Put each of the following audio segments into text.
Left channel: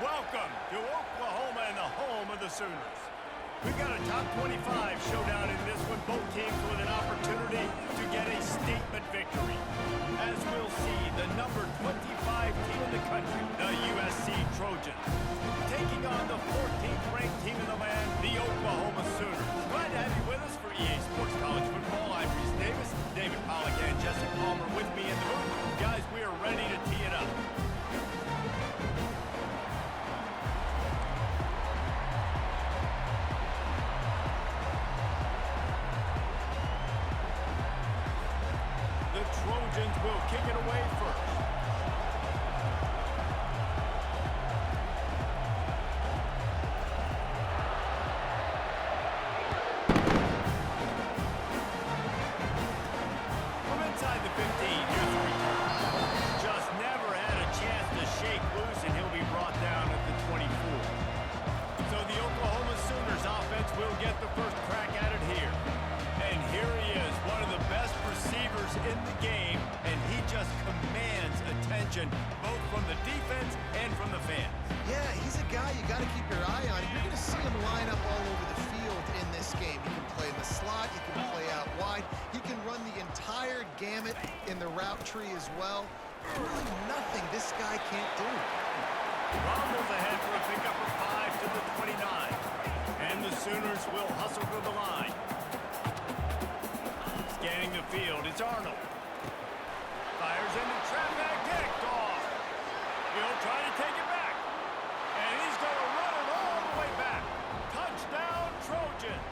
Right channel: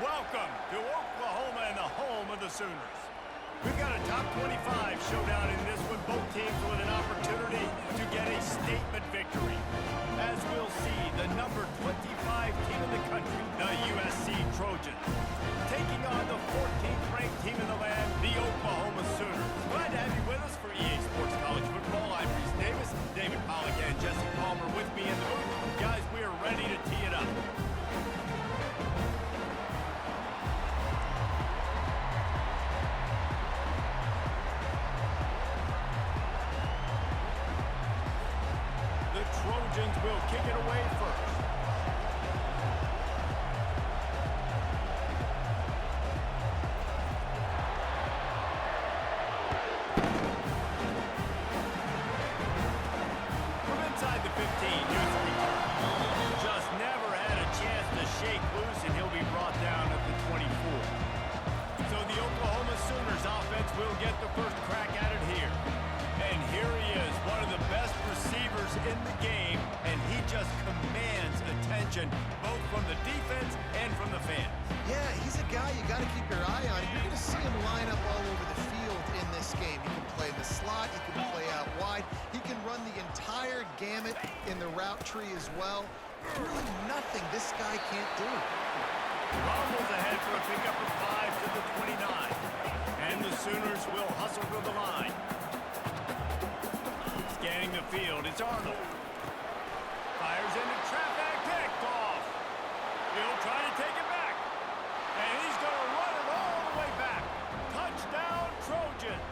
Welcome to Oklahoma and the home of the Sooners. We've got a top 25 showdown in this one. Both teams with an opportunity to get a statement victory. As we'll see, the number 25 team in the country, the USC Trojans, taking on the 14th ranked team in the land, the Oklahoma Sooners. Glad to have you with us for EA Sports College Football. I'm Reese Davis, David Pollack and Jesse Palmer with me in the booth. Guys, we are ready to tee it up. The Trojans will kick it away first. From inside the 15, here's the return. Just never had a chance to shake loose, and he'll be brought down at the 24. So the Oklahoma Sooners offense will get the first crack at it here. And here he is, one of the best receivers in the game, and he just commands attention both from the defense and from the fans. Yeah, he's a guy you got to keep your eye on. You're going to see him line up all over the field in this game. He can play in the slot, he can play out wide, he can run the entire gamut in the route tree as well. Really nothing this guy can't do. Rumbles ahead for a pickup of 5 to the 29. And the Sooners will hustle to the line. Scanning the field, it's Arnold. Fires into traffic, picked off. He'll try to take it back. And he's going to run it all the way back. Touchdown, Trojans.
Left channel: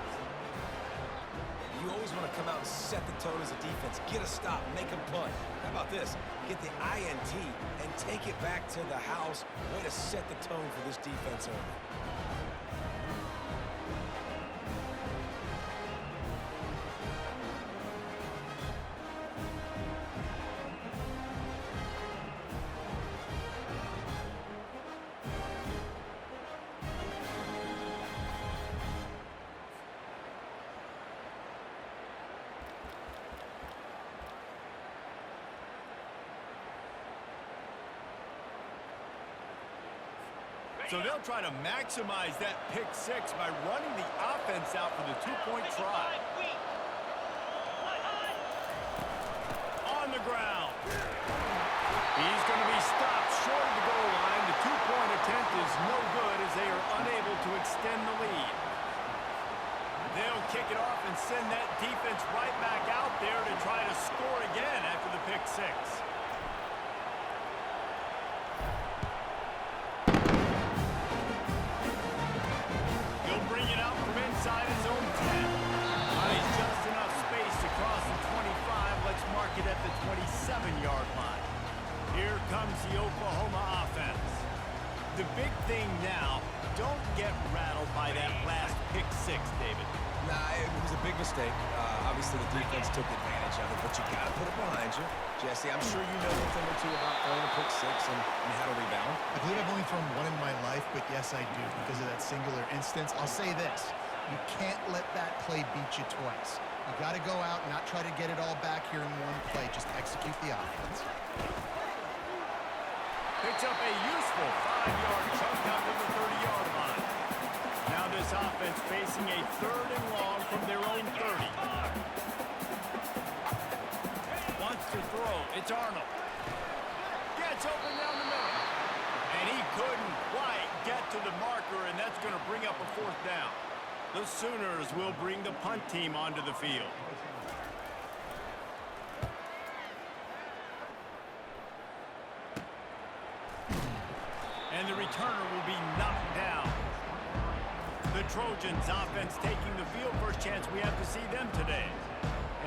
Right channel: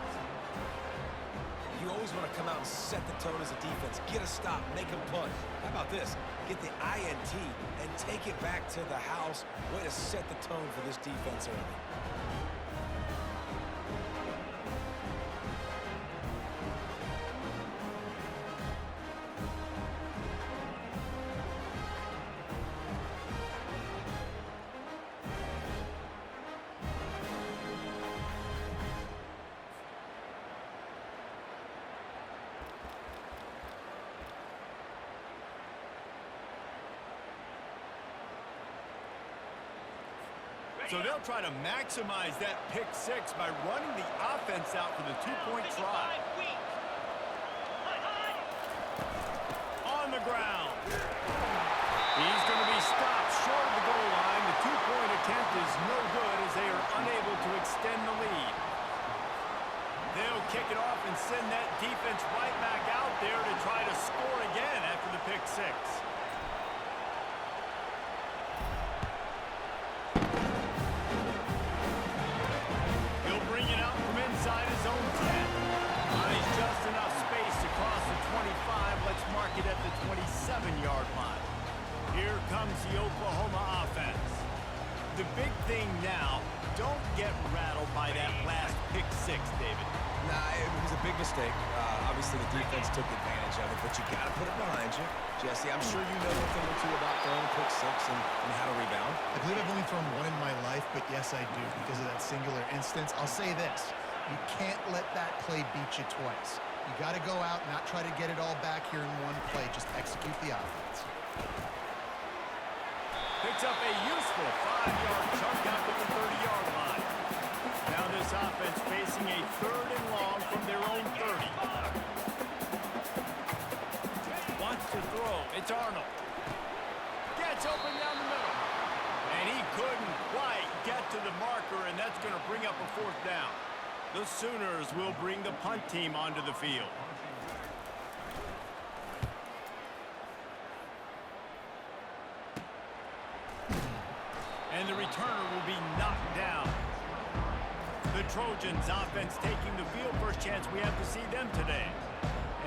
You always want to come out and set the tone as a defense. Get a stop, make them punt. How about this? Get the INT and take it back to the house. Way to set the tone for this defense early. So they'll try to maximize that pick six by running the offense out for the two-point try. On the ground. He's going to be stopped short of the goal line. The two-point attempt is no good as they are unable to extend the lead. They'll kick it off and send that defense right back out there to try to score again after the pick six. Bring it out from inside his own 10. He's just enough space to cross the 25. Let's mark it at the 27-yard line. Here comes the Oklahoma offense. The big thing now, don't get rattled by that last pick six, David. Nah, it was a big mistake. Obviously, the defense took advantage of it, but you got to put it behind you. Jesse, I'm sure you know a thing or two about throwing a pick six and how to rebound. I believe I've only thrown one in my life, but yes, I do because of that singular instance. I'll say this. You can't let that play beat you twice. You got to go out and not try to get it all back here in one play. Just execute the offense. Picks up a useful 5-yard chunk out to the 30-yard line. Now this offense facing a 3rd and long from their own 30. Wants to throw. It's Arnold. Gets open down the middle. And he couldn't quite get to the marker, and that's going to bring up a 4th down. The Sooners will bring the punt team onto the field. And the returner will be knocked down. The Trojans offense taking the field. First chance we have to see them today.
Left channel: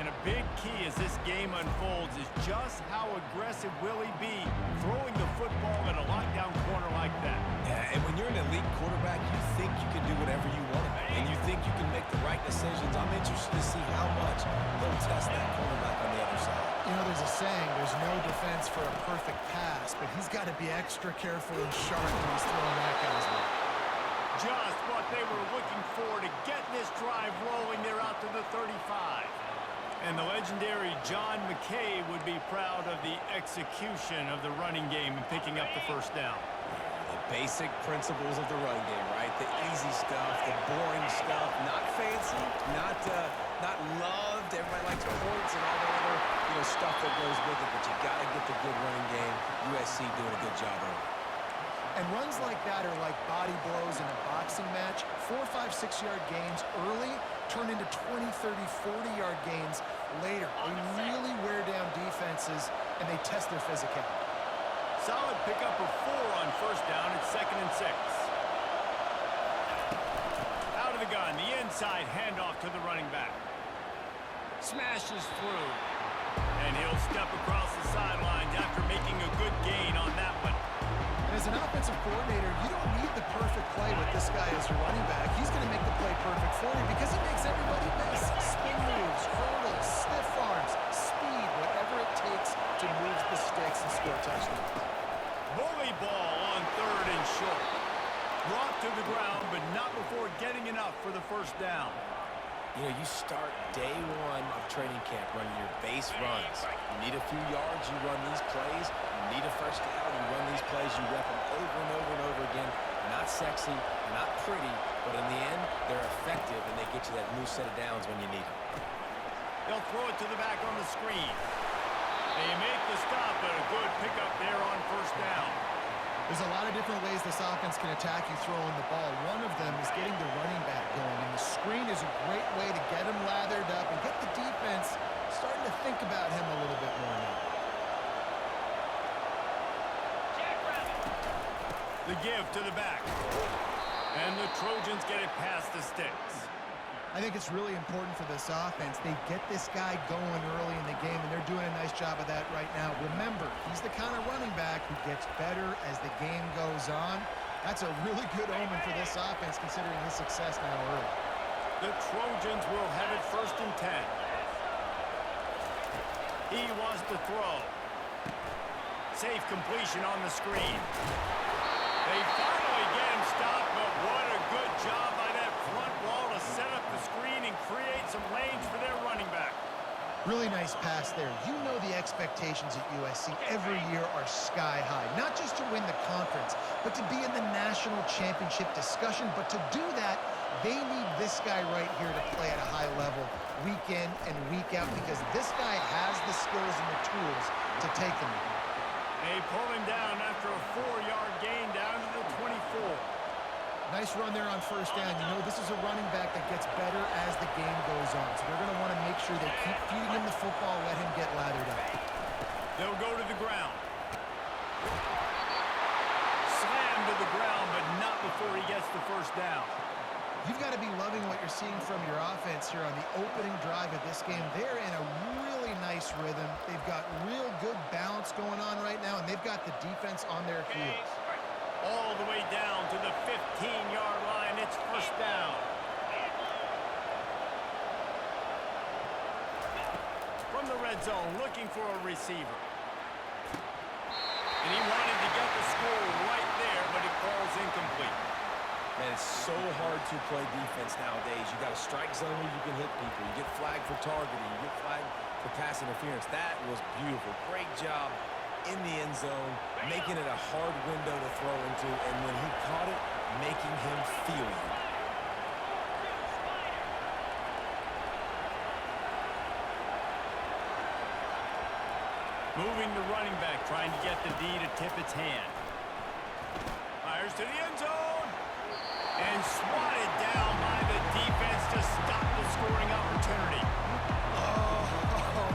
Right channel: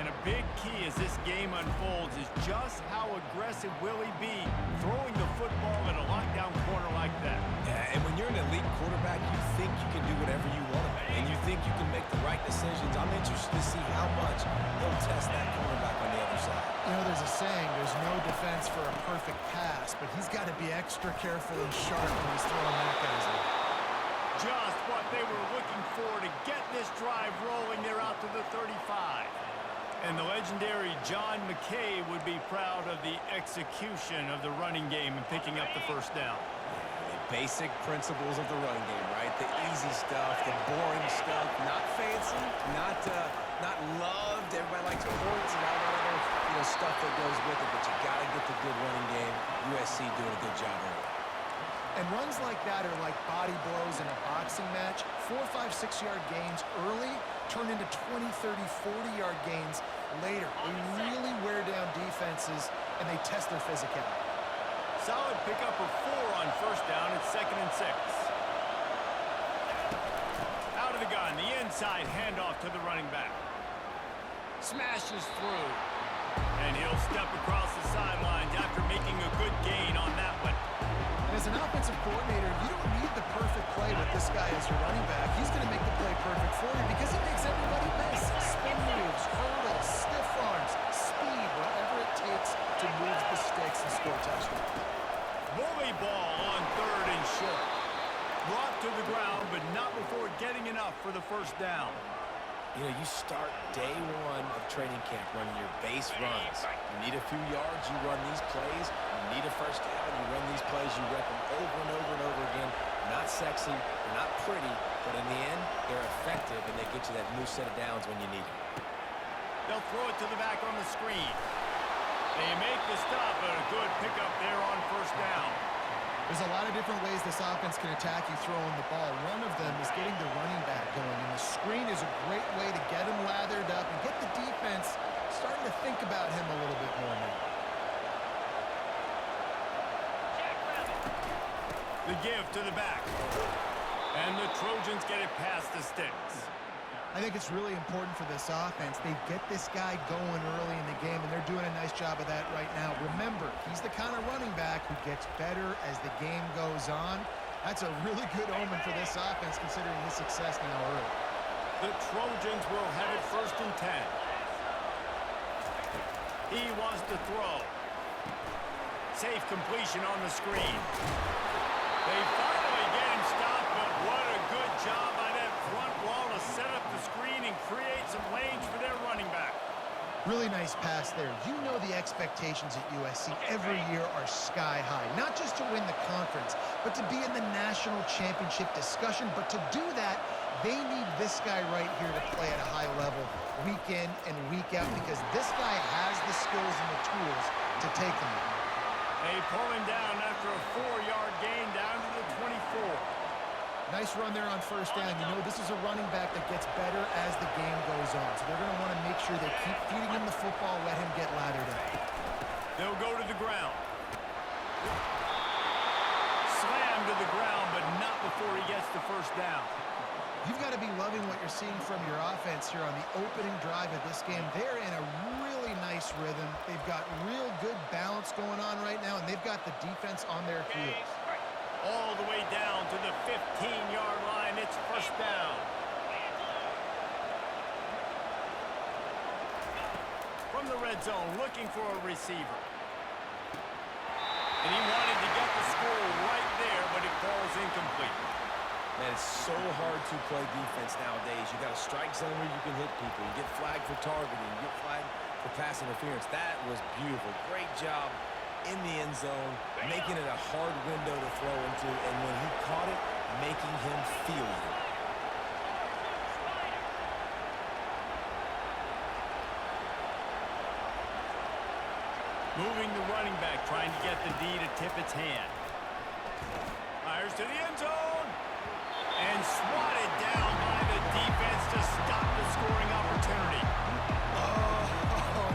And a big key as this game unfolds is just how aggressive will he be throwing the football in a lockdown corner like that. Yeah, and when you're an elite quarterback, you think you can do whatever you want to do, and you think you can make the right decisions. I'm interested to see how much he'll test that quarterback on the other side. You know, there's a saying, there's no defense for a perfect pass, but he's got to be extra careful and sharp when he's throwing that guy's way. Just what they were looking for to get this drive rolling. They're out to the 35. And the legendary John McKay would be proud of the execution of the running game and picking up the first down. Yeah, they basic principles of the run game, right? The easy stuff, the boring stuff, not fancy, not loved. Everybody likes points and all that other, stuff that goes with it, but you got to get the good running game. USC doing a good job early. And runs like that are like body blows in a boxing match. 4, 5, 6-yard gains early turn into 20, 30, 40-yard gains later. They really wear down defenses, and they test their physicality. Solid pickup of 4 on first down. It's 2nd and 6. Out of the gun, the inside handoff to the running back. Smashes through. And he'll step across the sidelines after making a good gain on that one. And as an offensive coordinator, you don't need the perfect play with this guy as your running back. He's going to make the play perfect for you because he makes everybody miss. Spin moves, hurdles, stiff arms, speed, whatever it takes to move the sticks and score touchdowns. Bully ball on 3rd and short. Brought to the ground, but not before getting enough for the first down. You start day 1 of training camp running your base runs. You need a few yards, you run these plays. You need a first down, you run these plays. You rep them over and over and over again. Not sexy, they're not pretty, but in the end, they're effective, and they get you that new set of downs when you need them. They'll throw it to the back on the screen. They make the stop, but a good pickup there on first down. There's a lot of different ways this offense can attack you throwing the ball. One of them is getting the running back going, and the screen is a great way to get him lathered up and get the defense starting to think about him a little bit more now. The give to the back. And the Trojans get it past the sticks. I think it's really important for this offense. They get this guy going early in the game, and they're doing a nice job of that right now. Remember, he's the kind of running back who gets better as the game goes on. That's a really good omen for this offense, considering his success now early. The Trojans will have it 1st and 10. He wants to throw. Safe completion on the screen. They finally get him stopped, but what a good job by that front wall to set up the screen and create some lanes for their running back. Really nice pass there. You know the expectations at USC every year are sky high. Not just to win the conference, but to be in the national championship discussion. But to do that, they need this guy right here to play at a high level week in and week out, because this guy has the skills and the tools to take them there. They pull him down after a 4-yard gain down to the 24. Nice run there on first down. You know this is a running back that gets better as the game goes on. So they're going to want to make sure they keep feeding him the football, let him get lathered up. They'll go to the ground. Slam to the ground, but not before he gets the first down. You've got to be loving what you're seeing from your offense here on the opening drive of this game. They're in a really nice rhythm. They've got real good balance going on right now, and they've got the defense on their heels. All the way down to the 15-yard line. It's first down. From the red zone, looking for a receiver. And he wanted to get the score right there, but it falls incomplete. Man, it's so hard to play defense nowadays. You got a strike zone where you can hit people. You get flagged for targeting. You get flagged for pass interference. That was beautiful. Great job in the end zone, making it a hard window to throw into, and when he caught it, making him feel you. Moving the running back, trying to get the D to tip its hand. Fires to the end zone. And swatted down by the defense to stop the scoring opportunity. Oh,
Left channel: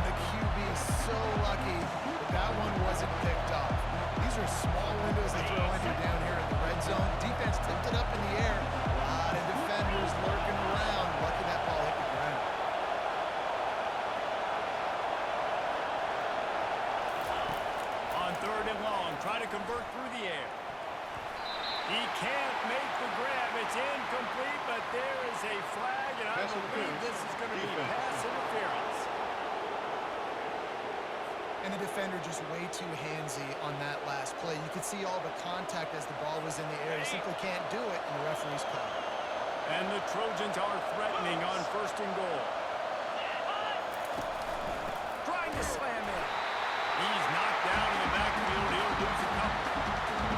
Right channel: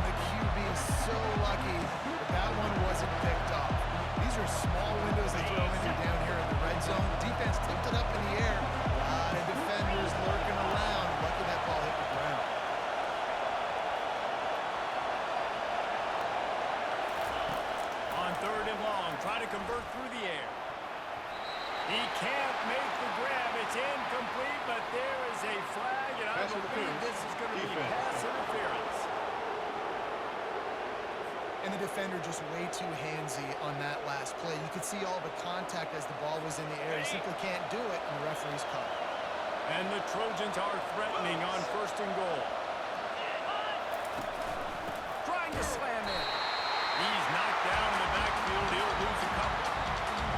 the QB is so lucky that that one wasn't picked off. These are small windows they throw into down here in the red zone. Defense tipped it up in the air. A lot of defenders lurking around. Lucky that ball hit the ground. On 3rd and long, try to convert through the air. He can't make the grab. It's incomplete, but there is a flag, and I believe this is going to be pass interference. And the defender just way too handsy on that last play. You could see all the contact as the ball was in the air. He simply can't do it, and the referee's caught it. And the Trojans are threatening on 1st and goal. Trying to slam in. He's knocked down in the backfield. He'll lose a couple.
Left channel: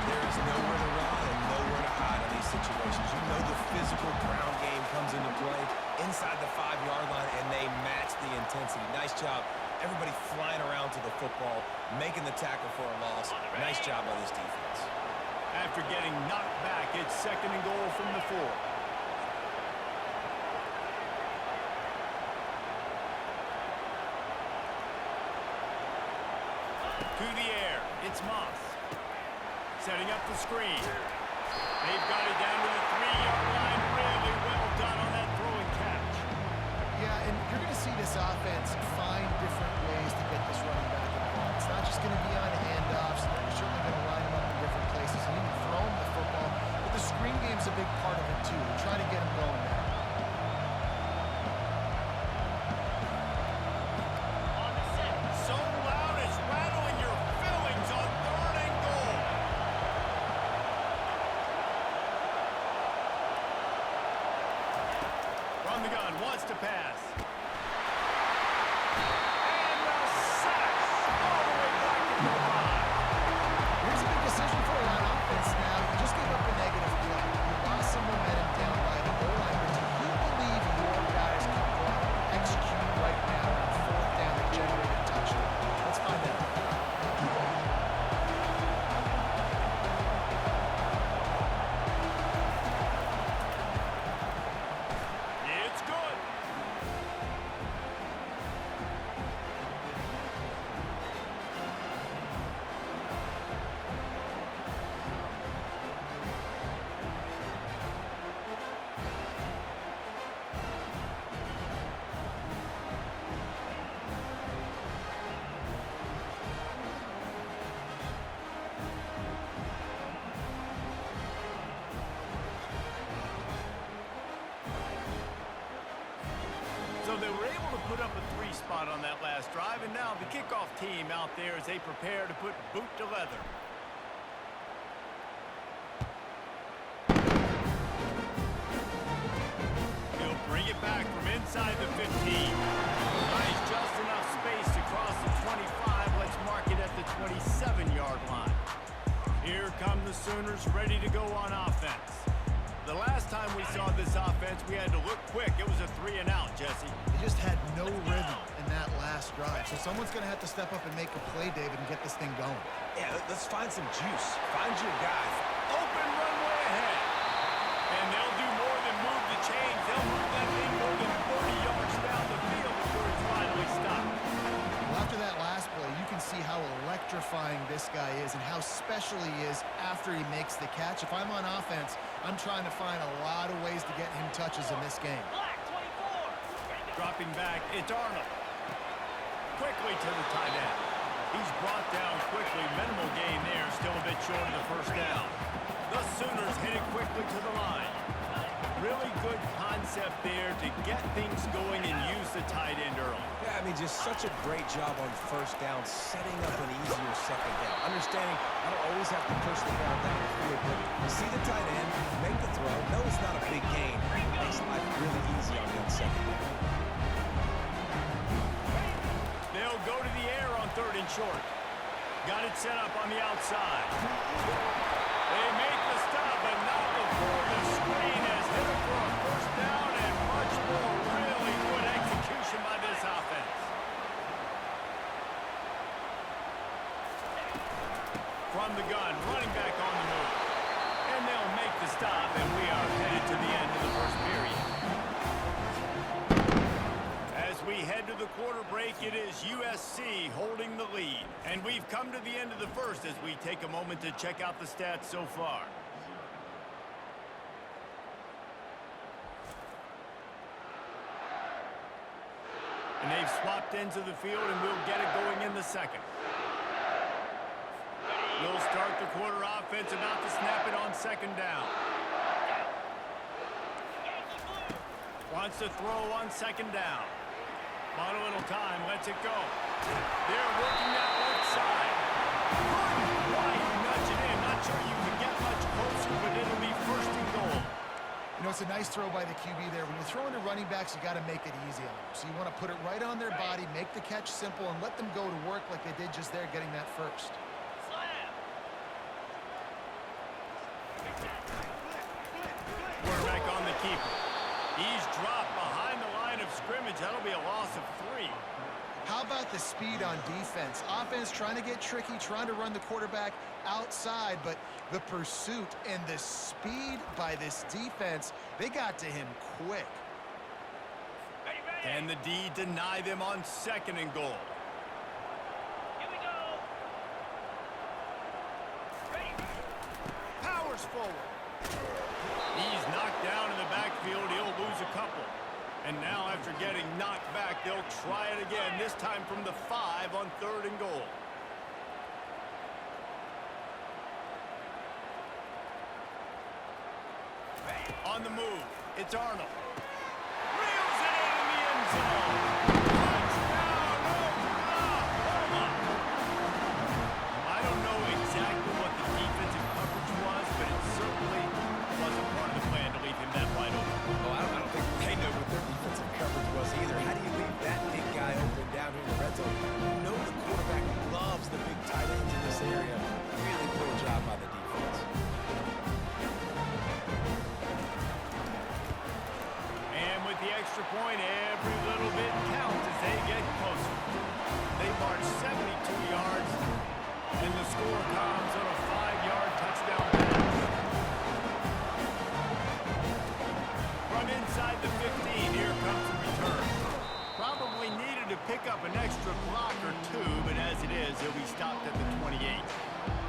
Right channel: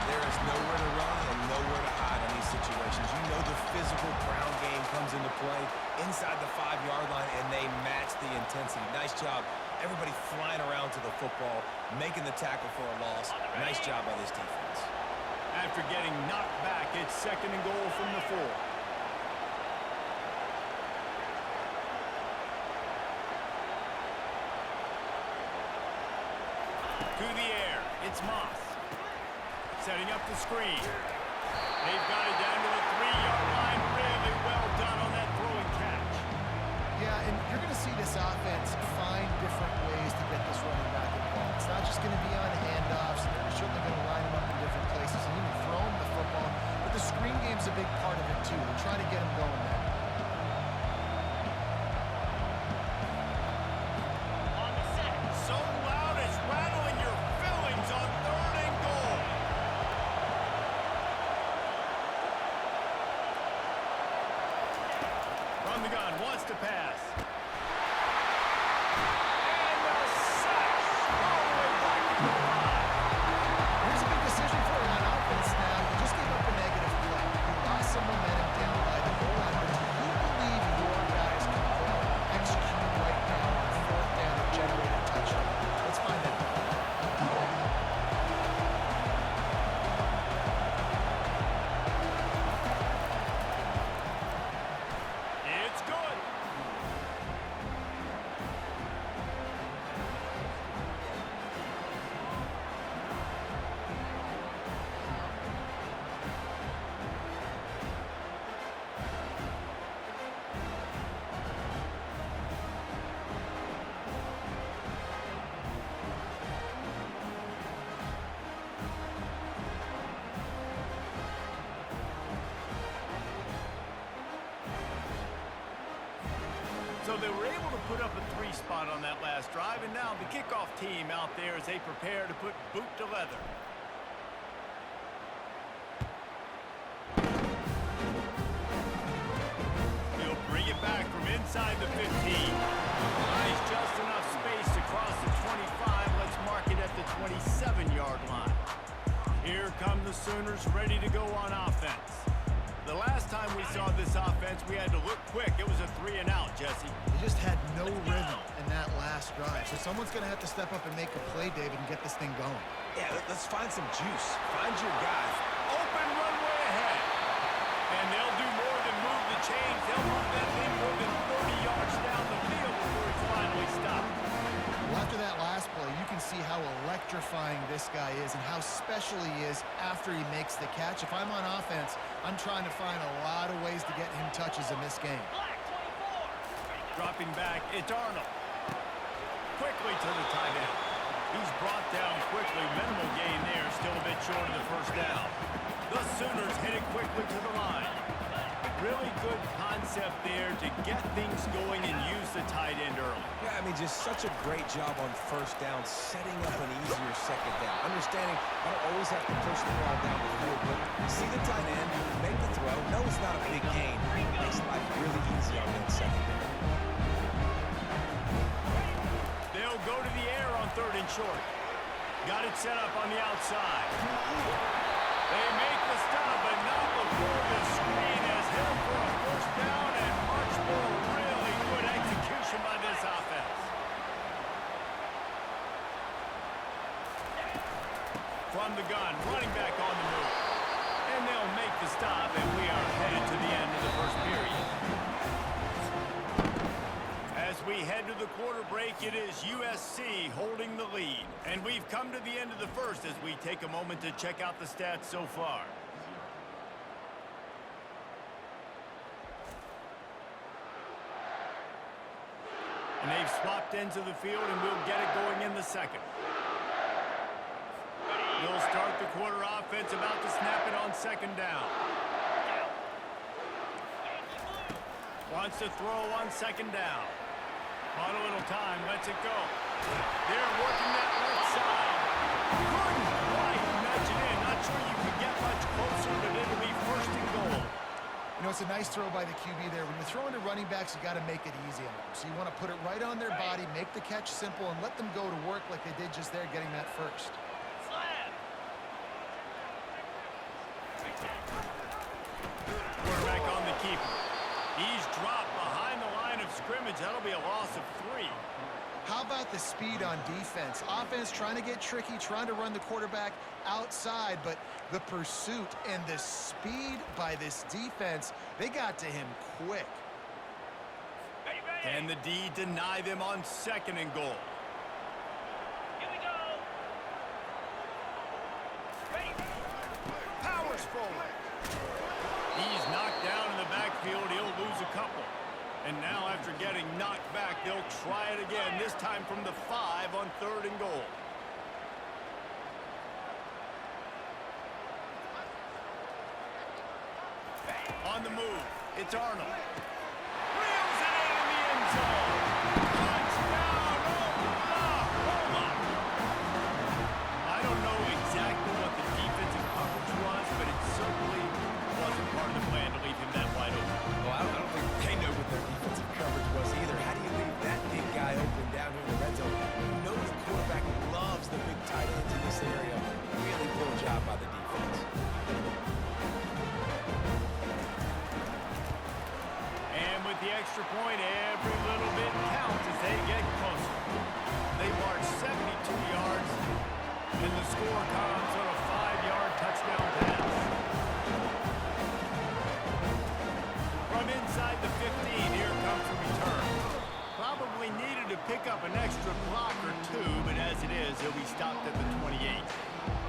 There is nowhere to run and nowhere to hide in these situations. You know the physical ground game comes into play inside the 5-yard line, and they match the intensity. Nice job. Everybody flying around to the football, making the tackle for a loss. Nice job by this defense. After getting knocked back, it's 2nd and goal from the 4. To the air, it's Moss. Setting up the screen. They've got it down to the 3-yard line. Really well done on that throw and catch. Yeah, and you're going to see this offense find different ways to get this running back involved. It's not just going to be on handoffs. They're certainly going to line him up in different places and even throw him the football. But the screen game's a big part of it, too. They're trying to get him going there. On the set. So loud it's rattling your fillings on 3rd and goal. From the gun, wants to pass. And the sack all the way back to the 5. Here's a big decision for you on offense now. You just gave up a negative play. You lost some momentum down by the goal line, but do you believe your guys can go out and execute right now on 4th down and generate a touchdown? Let's find out. It's good. So they were able to put up a 3 spot on that last drive, and now the kickoff team out there as they prepare to put boot to leather. He'll bring it back from inside the 15. Nice, just enough space to cross the 25. Let's mark it at the 27-yard line. Here come the Sooners ready to go on offense. The last time we saw this offense, we had to look quick. It was a 3-and-out, Jesse. They just had no rhythm in that last drive. So someone's going to have to step up and make a play, David, and get this thing going. Yeah, let's find some juice. Find your guys. Open runway ahead. And they'll do more than move the chains. They'll move that thing more than 30 yards down the field before he's finally stopped. Well, after that last play, you can see how electrifying this guy is and how special he is after he makes the catch. If I'm on offense, I'm trying to find a lot of ways to get him touches in this game. Dropping back, it's Arnold. Quickly to the tight end. He's brought down quickly. Minimal gain there, still a bit short of the 1st down. The Sooners hit it quickly to the line. Really good concept there to get things going and use the tight end early. Yeah, I mean, just such a great job on 1st down, setting up an easier 2nd down. Understanding I don't always have to push the ball down the field, but you see the tight end, make the throw. No, it's not a big gain. Makes life really easy on that 2nd down. They'll go to the air on 3rd and short. Got it set up on the outside. They make the stop, but not before the screen has hit him for a 1st down and much more. Really good execution by this offense. From the gun, running back on the move. And they'll make the stop, and we are headed to the end of the 1st period. As we head to the quarter break, it is USC holding the lead. And we've come to the end of the 1st as we take a moment to check out the stats so far. And they've swapped ends of the field, and we'll get it going in the 2nd. We'll start the quarter offense, about to snap it on 2nd down. Wants to throw on 2nd down. Bought a little time, lets it go. They're working that left side. Couldn't quite nudge it in. Not sure you could get much closer, but it'll be 1st and goal. You know, it's a nice throw by the QB there. When you're throwing to running backs, you got to make it easy on them. So you want to put it right on their body, make the catch simple, and let them go to work like they did just there, getting that 1st. keeper. He's dropped behind the line of scrimmage. That'll be a loss of 3. How about the speed on defense? Offense trying to get tricky, trying to run the quarterback outside, but the pursuit and the speed by this defense, they got to him quick. Can the D deny them on 2nd and goal? Here we go. Powers forward. He's knocked down in the backfield. He'll lose a couple. And now after getting knocked back, they'll try it again, this time from the 5 on 3rd and goal. On the move, it's Arnold. Reels it in the end zone. Touchdown, Oklahoma! I don't know exactly what the defensive coverage was, but it certainly wasn't part of the plan to leave him that wide open. Oh, I don't think they know what their defensive coverage was either. How do you leave that big guy open down here in the red zone? You know the quarterback loves the big tight ends in this area. Really poor job by the defense. And with the extra point, every little bit counts as they get closer. They march 72 yards, and the score comes on a 5-yard touchdown pass. From inside the 15, here comes the return. Probably needed to pick up an extra block or 2, but as it is, he'll be stopped at the 28.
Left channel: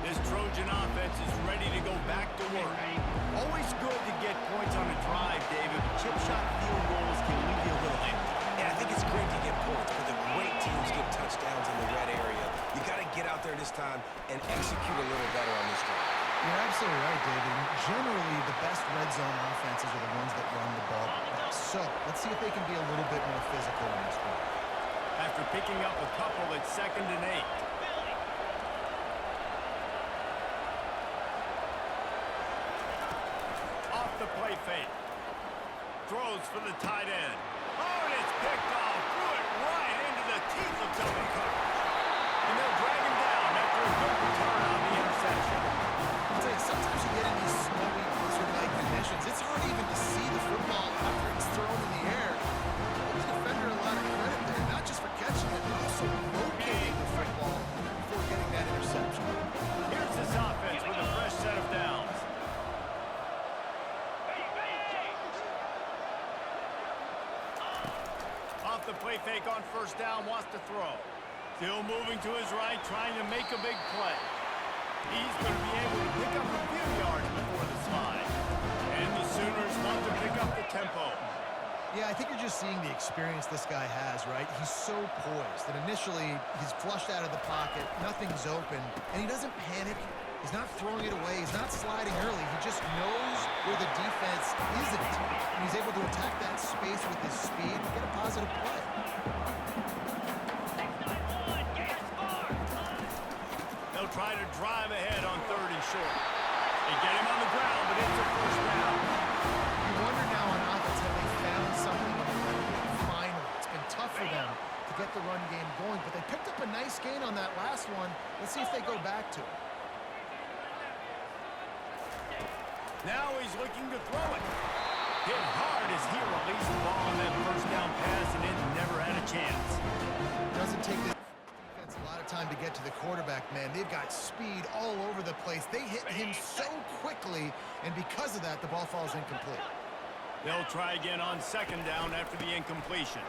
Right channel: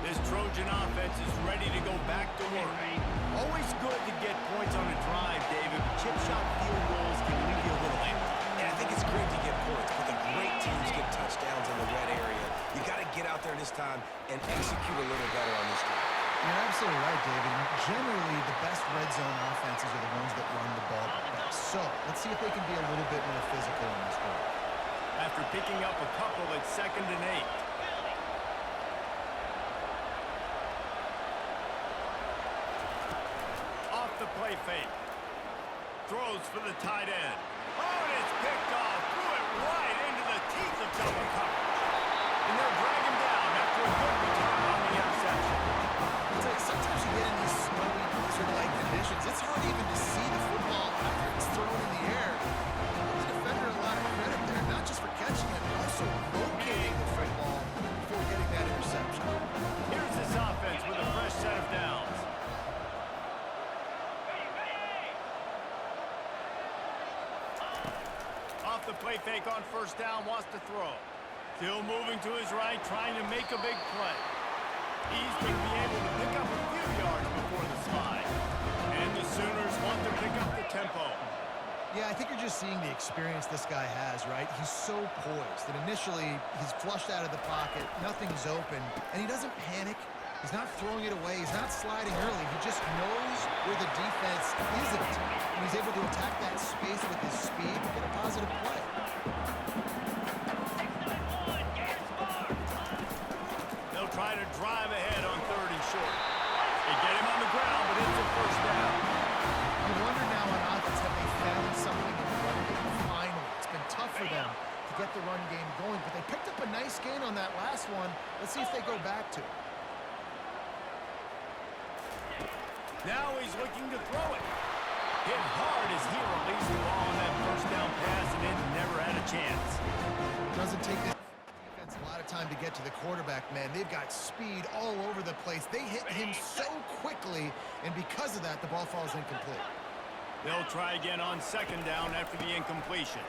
This Trojan offense is ready to go back to work. Always good to get points on a drive, David, but chip shot field goals can leave you a little empty. Yeah, I think it's great to get points, but the great teams get touchdowns in the red area. You got to get out there this time and execute a little better on this drive. You're absolutely right, David. Generally, the best red zone offenses are the ones that run the ball the best. So, let's see if they can be a little bit more physical in this one. After picking up a couple at 2nd and 8. Off the play fake. Throws for the tight end. Oh, and it's picked off. Threw it right into the teeth of double coverage. And they'll drag him down after a good return on the interception. I'll tell you, sometimes you get in these snowy, blizzard-like conditions, it's hard even to see the football after it's thrown in the air. Give the defender a lot of credit there, not just for catching it, but also locating the football before getting that interception. Here's this offense with a fresh set of downs. Off the play fake on 1st down, wants to throw. Still moving to his right, trying to make a big play. He's going to be able to pick up a few yards before the slide. And the Sooners want to pick up the tempo. Yeah, I think you're just seeing the experience this guy has, right? He's so poised that initially he's flushed out of the pocket, nothing's open, and he doesn't panic. He's not throwing it away. He's not sliding early. He just knows where the defense isn't, and he's able to attack that space with his speed and get a positive play. They'll try to drive ahead on 3rd and short. They get him on the ground, but it's a 1st down. You wonder now on offense, have they found something in the run game? Finally. It's been tough for them to get the run game going, but they picked up a nice gain on that last one. Let's see if they go back to it. Now he's looking to throw it. Hit hard as he released the ball on that 1st down pass, and it never had a chance. Doesn't take the defense a lot of time to get to the quarterback, man. They've got speed all over the place. They hit him so quickly, and because of that, the ball falls incomplete. They'll try again on 2nd down after the incompletion.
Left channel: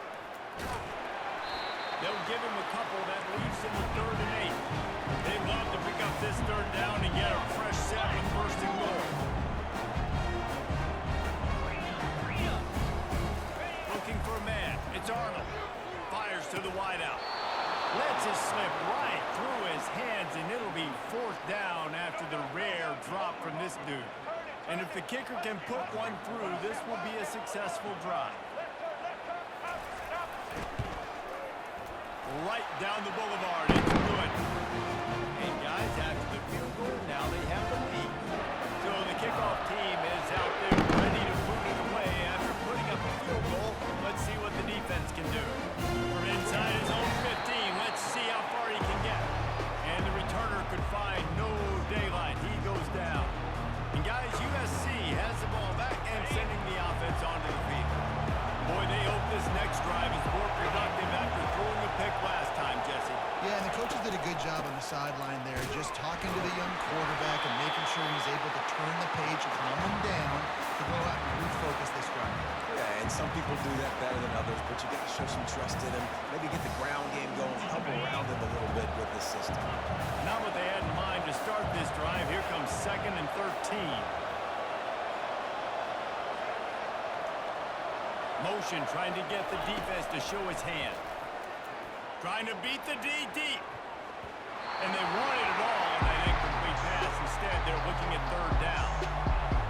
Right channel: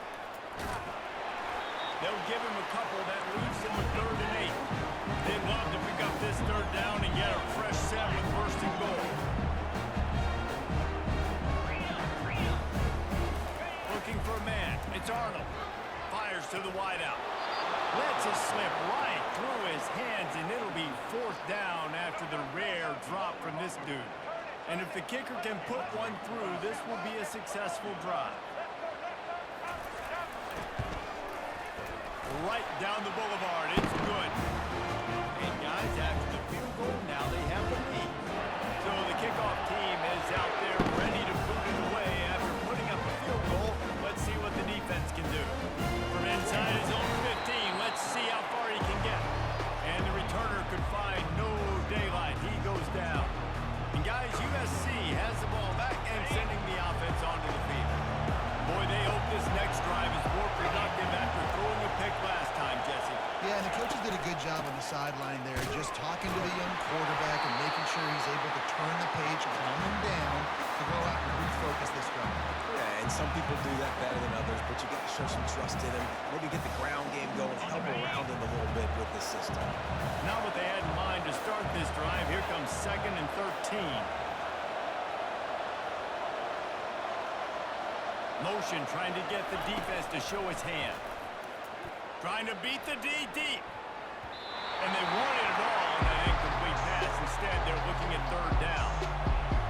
They'll give him a couple that leaves him with 3rd and 8. They'd love to pick up this 3rd down and get a fresh set with 1st and goal. Looking for a man. It's Arnold. Fires to the wideout. Lets it slip right through his hands, and it'll be 4th down after the rare drop from this dude. And if the kicker can put one through, this will be a successful drive. Right down the boulevard. It's good. And guys, after the field goal, now they have the lead. So the kickoff team is out there ready to boot it away after putting up a field goal. Let's see what the defense can do. From inside his own 15, let's see how far he can get. And the returner could find no daylight. He goes down. And guys, USC has the ball back and sending the offense coaches did a good job on the sideline there, just talking to the young quarterback and making sure he's able to turn the page, calm him down to go out and refocus this drive. Yeah, and some people do that better than others, but you got to show some trust in him. Maybe get the ground game going, help around him a little bit with this system. Not what they had in mind to start this drive. Here comes 2nd and 13. Motion trying to get the defense to show his hand. Trying to beat the D deep. And they wanted it all on that incomplete pass. Instead, they're looking at 3rd down.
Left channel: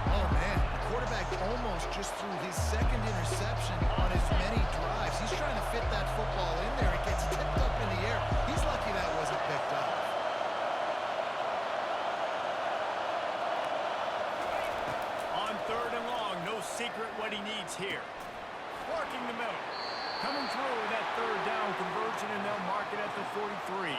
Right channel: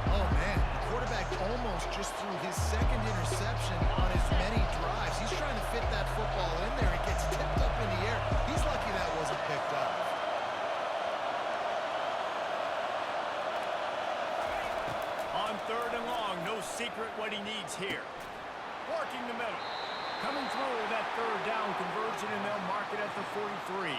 Oh, man, the quarterback almost just threw his 2nd interception on as many drives. He's trying to fit that football in there. It gets tipped up in the air. He's lucky that wasn't picked up. On 3rd and long, no secret what he needs here. Working the middle. Coming through that 3rd down conversion, and they'll mark it at the 43.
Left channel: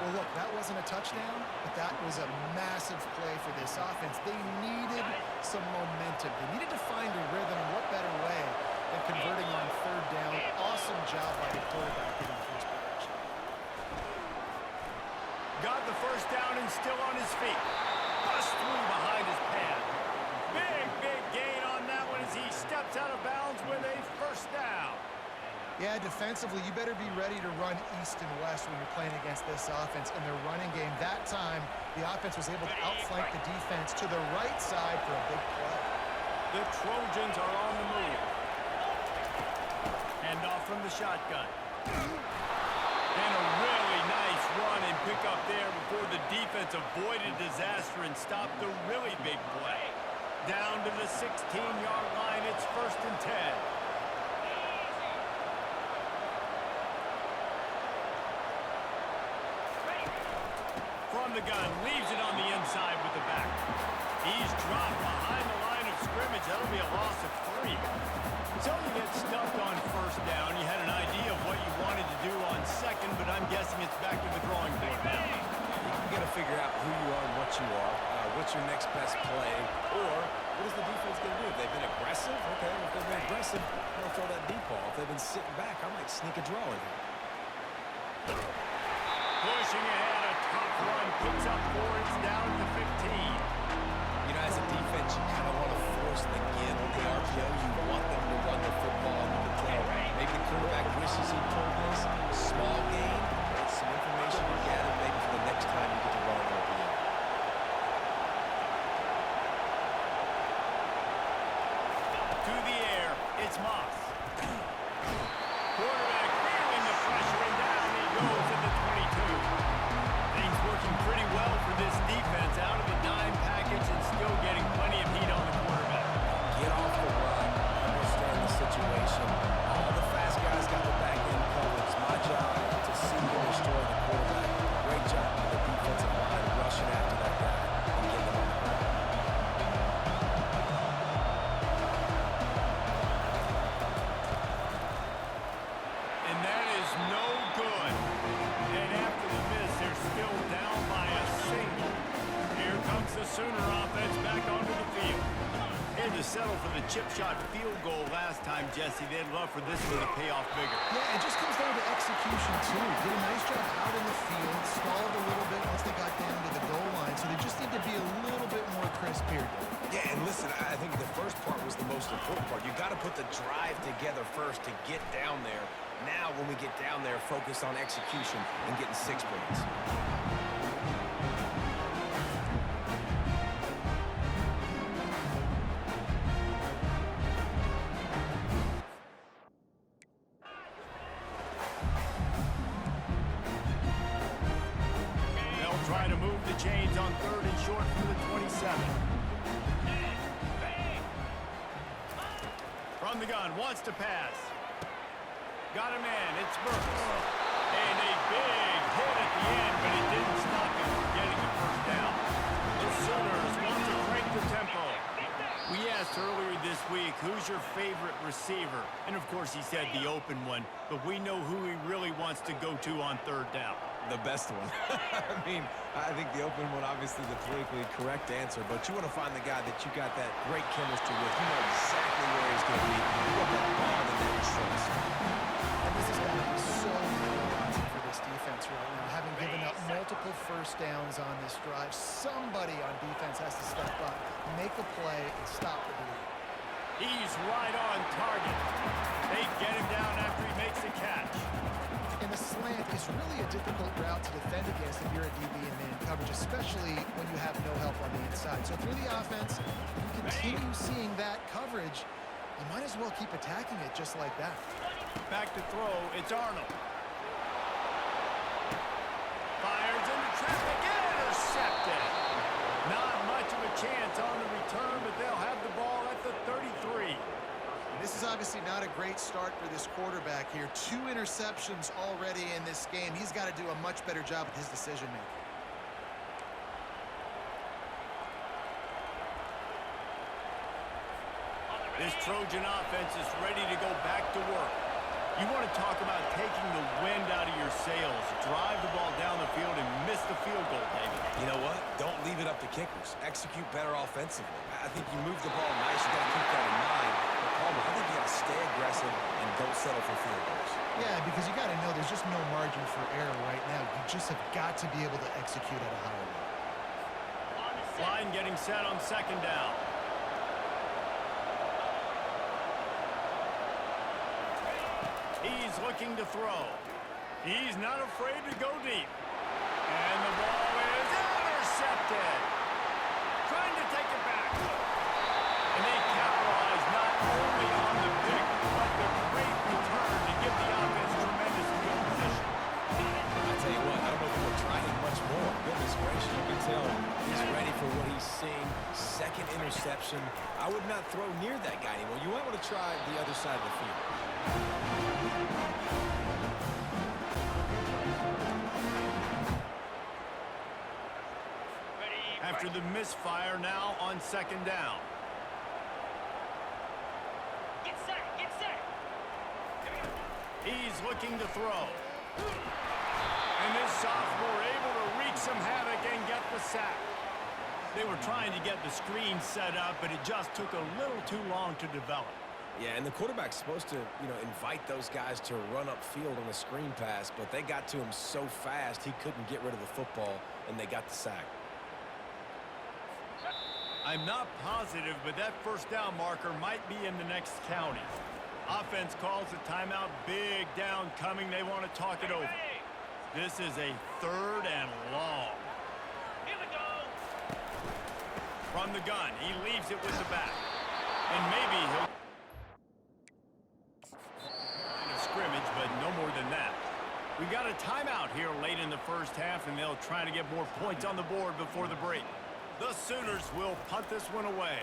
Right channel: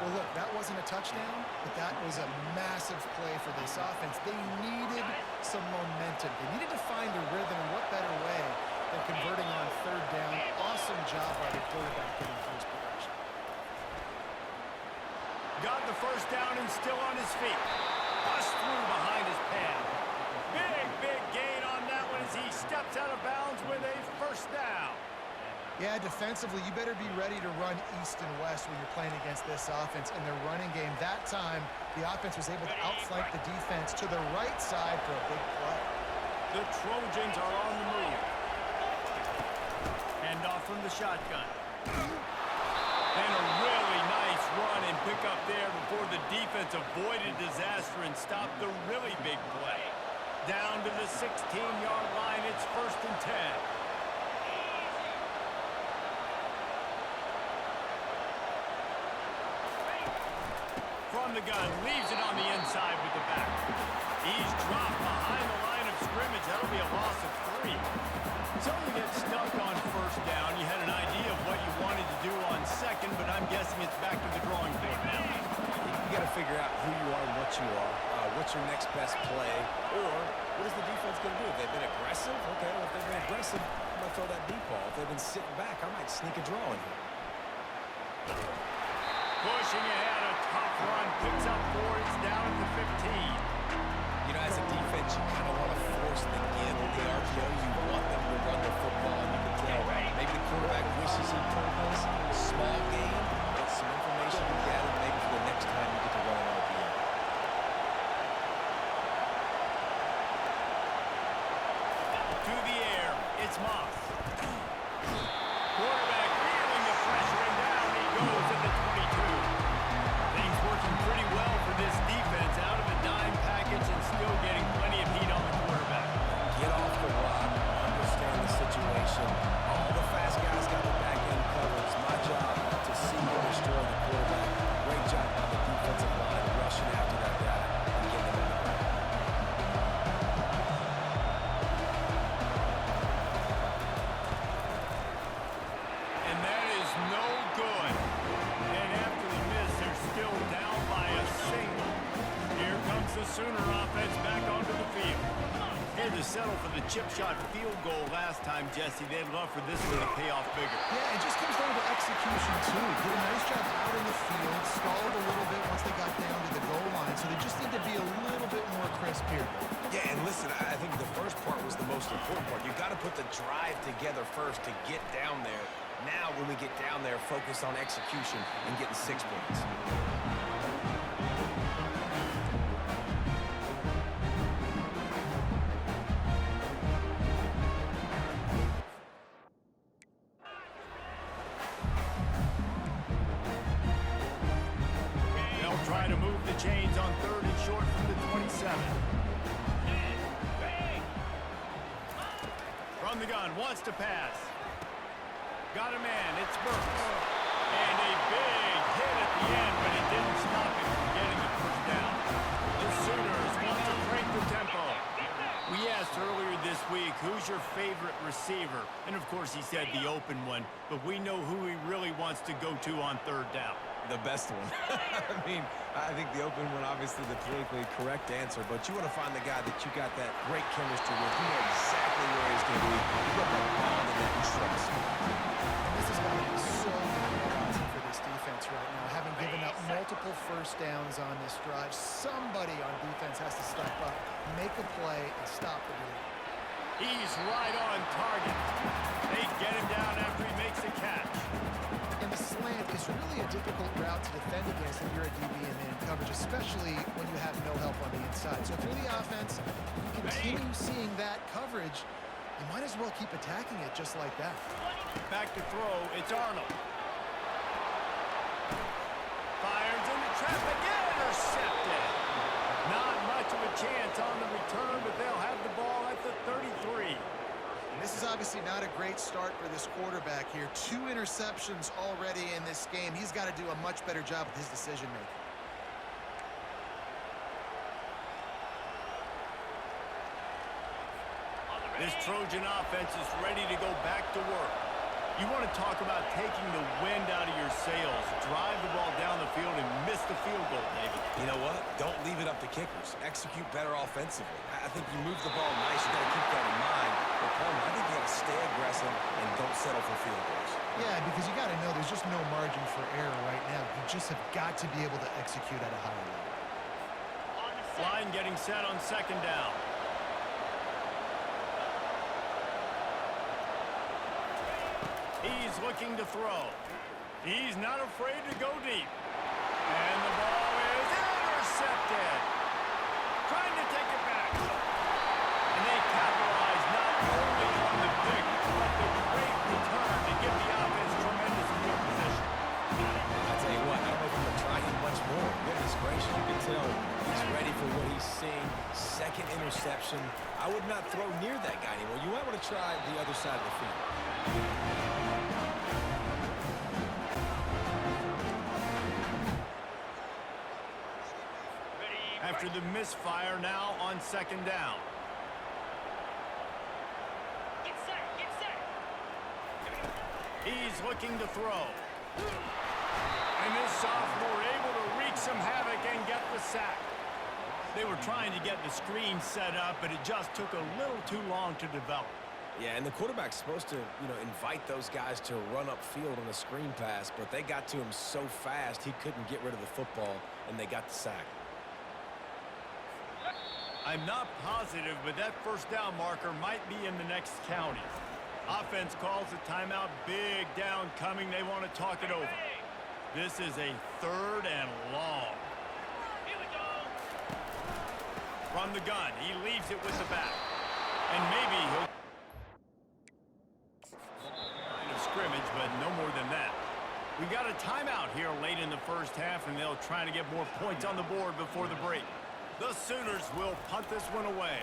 Well, look, that wasn't a touchdown, but that was a massive play for this offense. They needed some momentum. They needed to find a rhythm, and what better way than converting on 3rd down. Awesome job by the quarterback getting through his progression. Got the 1st down and still on his feet. Bust through behind his pad. Big gain on that one as he steps out of bounds with a 1st down. Yeah, defensively, you better be ready to run east and west when you're playing against this offense. In their running game, that time, the offense was able to outflank the defense to the right side for a big play. The Trojans are on the move. Hand off from the shotgun. And a really nice run and pick up there before the defense avoided disaster and stopped the really big play. Down to the 16-yard line, it's 1st and 10. From the gun, leaves it on the inside with the back. He's dropped behind the line of scrimmage. That'll be a loss of 3. So you get stuck on 1st down. You had an idea of what you wanted to do on 2nd, but I'm guessing it's back to the drawing board now. You got to figure out who you are and what you are. What's your next best play? Or what is the defense going to do? If they've been aggressive, okay, well, if they've been aggressive, I'm going to throw that deep ball. If they've been sitting back, I might sneak a draw in here. Pushing ahead, a tough run, picks up 4, it's down at the 15. You know, as a defense, you kind of want to force the give on the RPO. You want them to run the football, and you can tell maybe the quarterback wishes he pulled this. Small gain, but some information you gather maybe for the next time you get to run an RPO. To the air, it's Moss. Quarterback feeling the pressure, and down he goes at the 22. Things working pretty well for this defense, out of the dime package and still getting plenty of heat on the quarterback. Get off the rock, understand the situation. All the fast guys got the back end covered. It's my job to seek and destroy the quarterback. Great job by the defensive line rushing after that guy and getting him on the ground. And that is no good. And after the miss, they're still down by a single. Here comes the Sooner offense back onto the field. Had to settle for the chip shot field goal last time, Jesse. They'd love for this one to pay off bigger. Yeah, it just comes down to execution, too. Did a nice job out in the field, stalled a little bit once they got down to the goal line, so they just need to be a little bit more crisp here. Yeah, and listen, I think the first part was the most important part. You got to put the drive together first to get down there. Now, when we get down there, focus on execution and getting 6 points. They'll try to move the chains on 3rd and short from the 27. From the gun, wants to pass. Got a man, it's Burks. And a big hit at the end, but it didn't stop him from getting the 1st down. The Sooners want to crank the tempo. We asked earlier this week, who's your favorite receiver? And of course he said the open one, but we know who he really wants to go to on 3rd down. The best one. I mean, I think the open one, obviously the politically correct answer, but you want to find the guy that you got that great chemistry with. You know exactly where he's going to be. You got that bond and that trust. And this has got to be so demoralizing for this defense. defense right now, having given up multiple first downs on this drive. Somebody on defense has to step up, make a play, and stop the bleed. He's right on target. They get him down after he makes the catch. And the slant is really a difficult route to defend against if you're a DB in man coverage, especially when you have no help on the inside. So through the offense, if you continue seeing that coverage, you might as well keep attacking it just like that. Back to throw, it's Arnold. Fires into traffic, intercepted. Not much of a chance on the return, but they'll have the ball at the 33. And this is obviously not a great start for this quarterback here. 2 interceptions already in this game. He's got to do a much better job with his decision-making. This Trojan offense is ready to go back to work. You want to talk about taking the wind out of your sails. Drive the ball down the field and miss the field goal, David. You know what? Don't leave it up to kickers. Execute better offensively. I think you move the ball nice. You got to keep that in mind. But, Palmer, I think you got to stay aggressive and don't settle for field goals. Yeah, because you got to know there's just no margin for error right now. You just have got to be able to execute at a higher level. Line getting set on second down. He's looking to throw. He's not afraid to go deep. And the ball is intercepted. Trying to take it back. And they capitalize not only on the pick, but the great return to give the offense tremendous field position. I tell you what, I don't know if I'm going to try him much more. Goodness gracious, you can tell he's ready for what he's seeing. Second interception. I would not throw near that guy anymore. You might want to try the other side of the field. After the misfire, now on second down. Get set, get set. Here we go. He's looking to throw. And this sophomore able to wreak some havoc and get the sack. They were trying to get the screen set up, but it just took a little too long to develop. Yeah, and the quarterback's supposed to, invite those guys to run upfield on a screen pass, but they got to him so fast he couldn't get rid of the football, and they got the sack. I'm not positive, but that first down marker might be in the next county. Offense calls a timeout. Big down coming. They want to talk it over. This is a 3rd and long. Here we go. From the gun, he leaves it with the back. And maybe he'll... line of scrimmage, but no more than that. We got a timeout here late in the first half, and they'll try to get more points on the board before the break. The Sooners will punt this one away.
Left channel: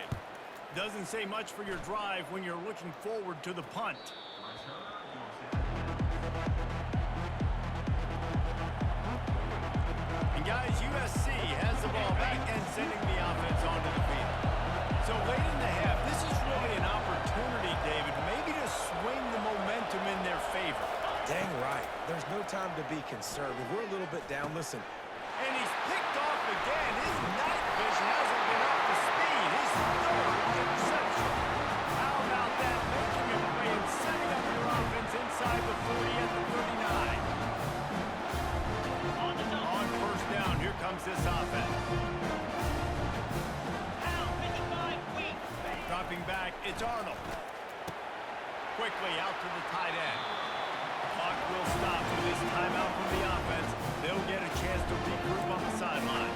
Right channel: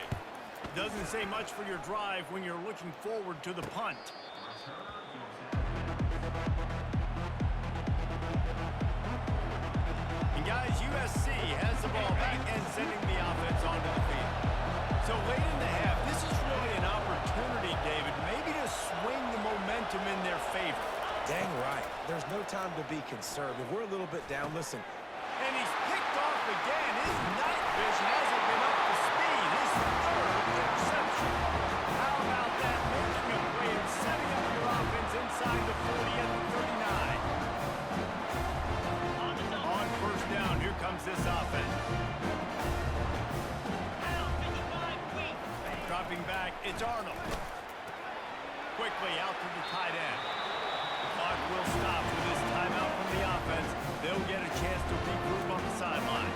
Doesn't say much for your drive when you're looking forward to the punt. And guys, USC has the ball back and sending the offense onto the field. So late in the half, this is really an opportunity, David, maybe to swing the momentum in their favor. Dang right. There's no time to be conservative. We're a little bit down. Listen. And he's picked off again. His night vision hasn't been up to speed. His 3rd interception. How about that? Making a play and setting up your offense inside the 40 at the 39. On first down, here comes this offense. Pound 55 weak. Dropping back, it's Arnold. Quickly out to the tight end. Clock will stop with this timeout from the offense. They'll get a chance to regroup on the sideline.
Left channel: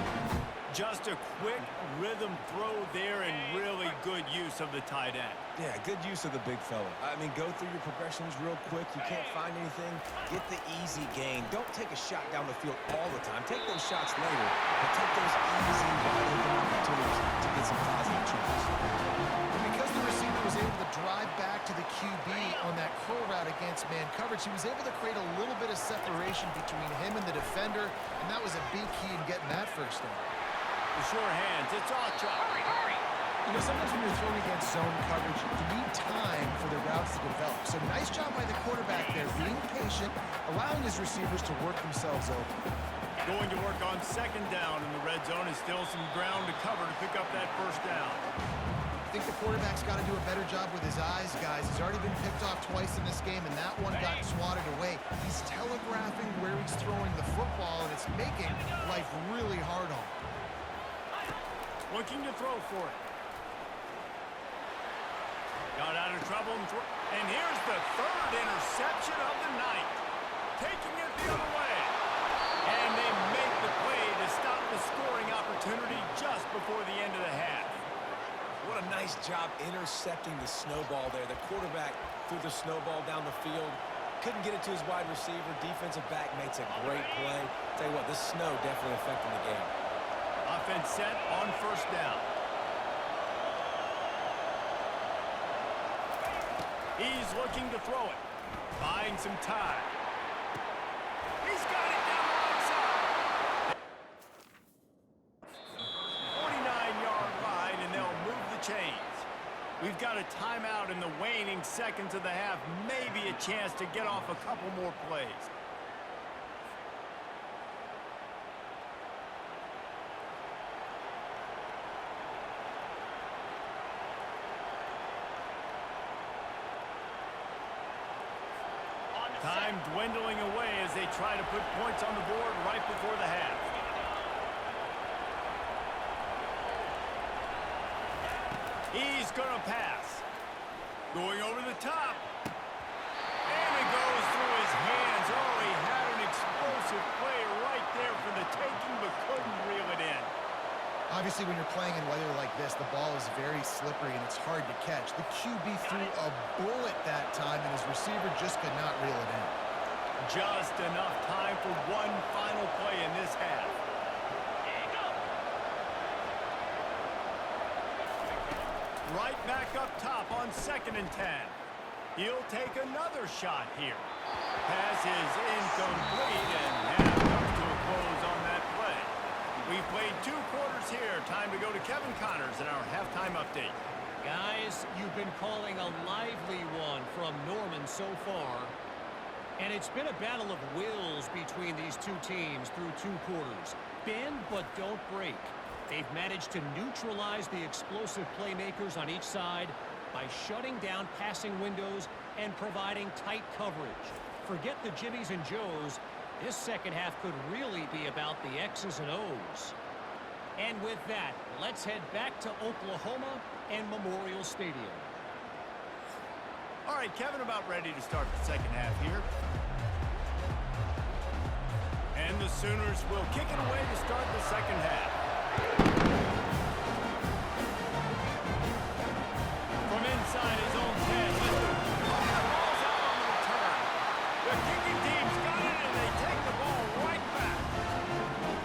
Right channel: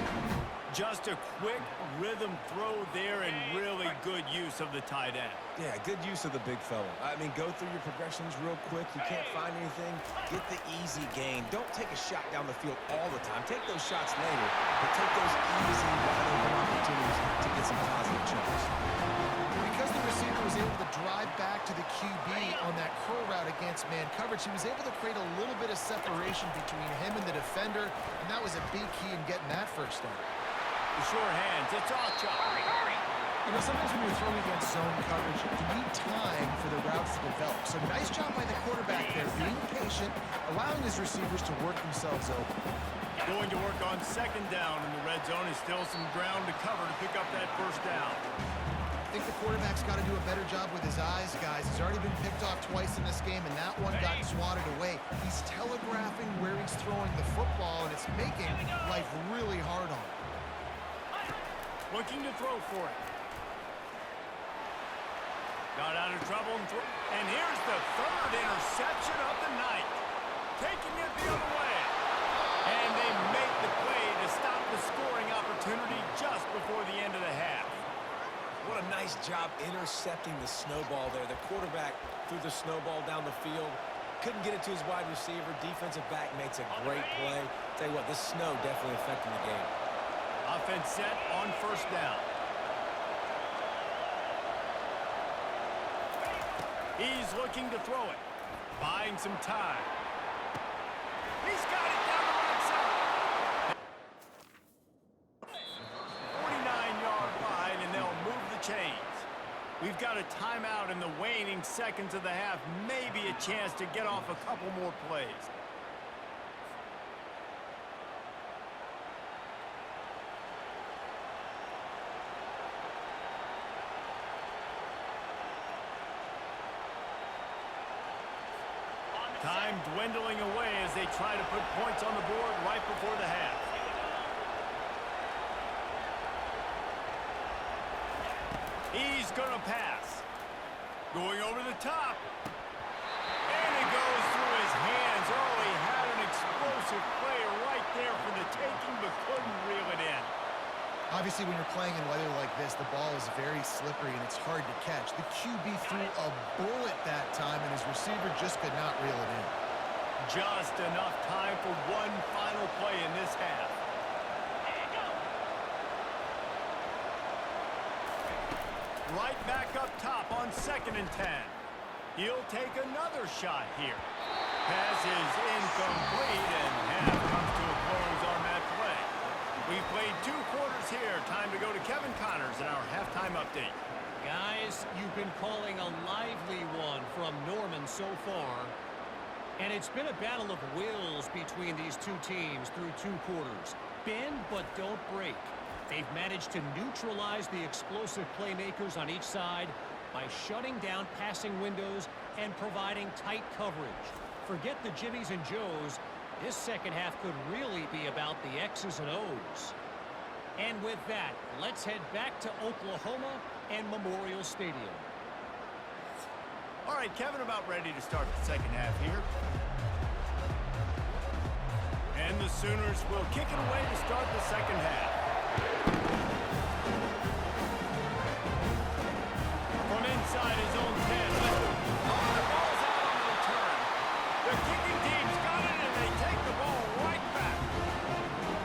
Just a quick rhythm throw there and really good use of the tight end. Yeah, good use of the big fella. I mean, go through your progressions real quick. You can't find anything. Get the easy gain. Don't take a shot down the field all the time. Take those shots later, but take those easy, wide-open opportunities to get some positive chance. Because the receiver was able to drive back to the QB on that curl route against man coverage, he was able to create a little bit of separation between him and the defender, and that was a big key in getting that first down. The sure hands, it's Ocha. Hurry, hurry. You know, sometimes when you're throwing against zone coverage, you need time for the routes to develop. So nice job by the quarterback there, being patient, allowing his receivers to work themselves open. Going to work on second down in the red zone is still some ground to cover to pick up that first down. think the quarterback's got to do a better job with his eyes, guys. He's already been picked off twice in this game, and that one got swatted away. He's telegraphing where he's throwing the football, and it's making life really hard on him. Looking to throw for it. Got out of trouble and here's the third interception of the night. Taking it the other way. And they make the play to stop the scoring opportunity just before the end of the half. What a nice job intercepting the snowball there. The quarterback threw the snowball down the field. Couldn't get it to his wide receiver. Defensive back makes a great play. Tell you what, this snow definitely affecting the game. Offense set on first down. He's looking to throw it. Buying some time. He's got it down the right side. 49-yard line, and they'll move the chains. We've got a timeout in the waning seconds of the half. Maybe a chance to get off a couple more plays. Time dwindling away as they try to put points on the board right before the half. He's going to pass. Going over the top. And it goes through his hands. Oh, he had an explosive play right there for the taking, but couldn't reel it in. Obviously, when you're playing in weather like this, the ball is very slippery and it's hard to catch. The QB threw a bullet that time, and his receiver just could not reel it in. Just enough time for one final play in this half. Right back up top on 2nd and 10. He'll take another shot here. Pass is incomplete, and half comes to a close on that play. We've played 2 quarters here. Time to go to Kevin Connors in our halftime update. Guys, you've been calling a lively one from Norman so far. And it's been a battle of wills between these 2 teams through 2 quarters. Bend but don't break. They've managed to neutralize the explosive playmakers on each side by shutting down passing windows and providing tight coverage. Forget the Jimmies and Joes. This second half could really be about the X's and O's. And with that, let's head back to Oklahoma and Memorial Stadium. All right, Kevin, about ready to start the second half here. And the Sooners will kick it away to start the second half. From inside his own 10. The ball's out on the return. The kicking team's got it, and they take the ball right back.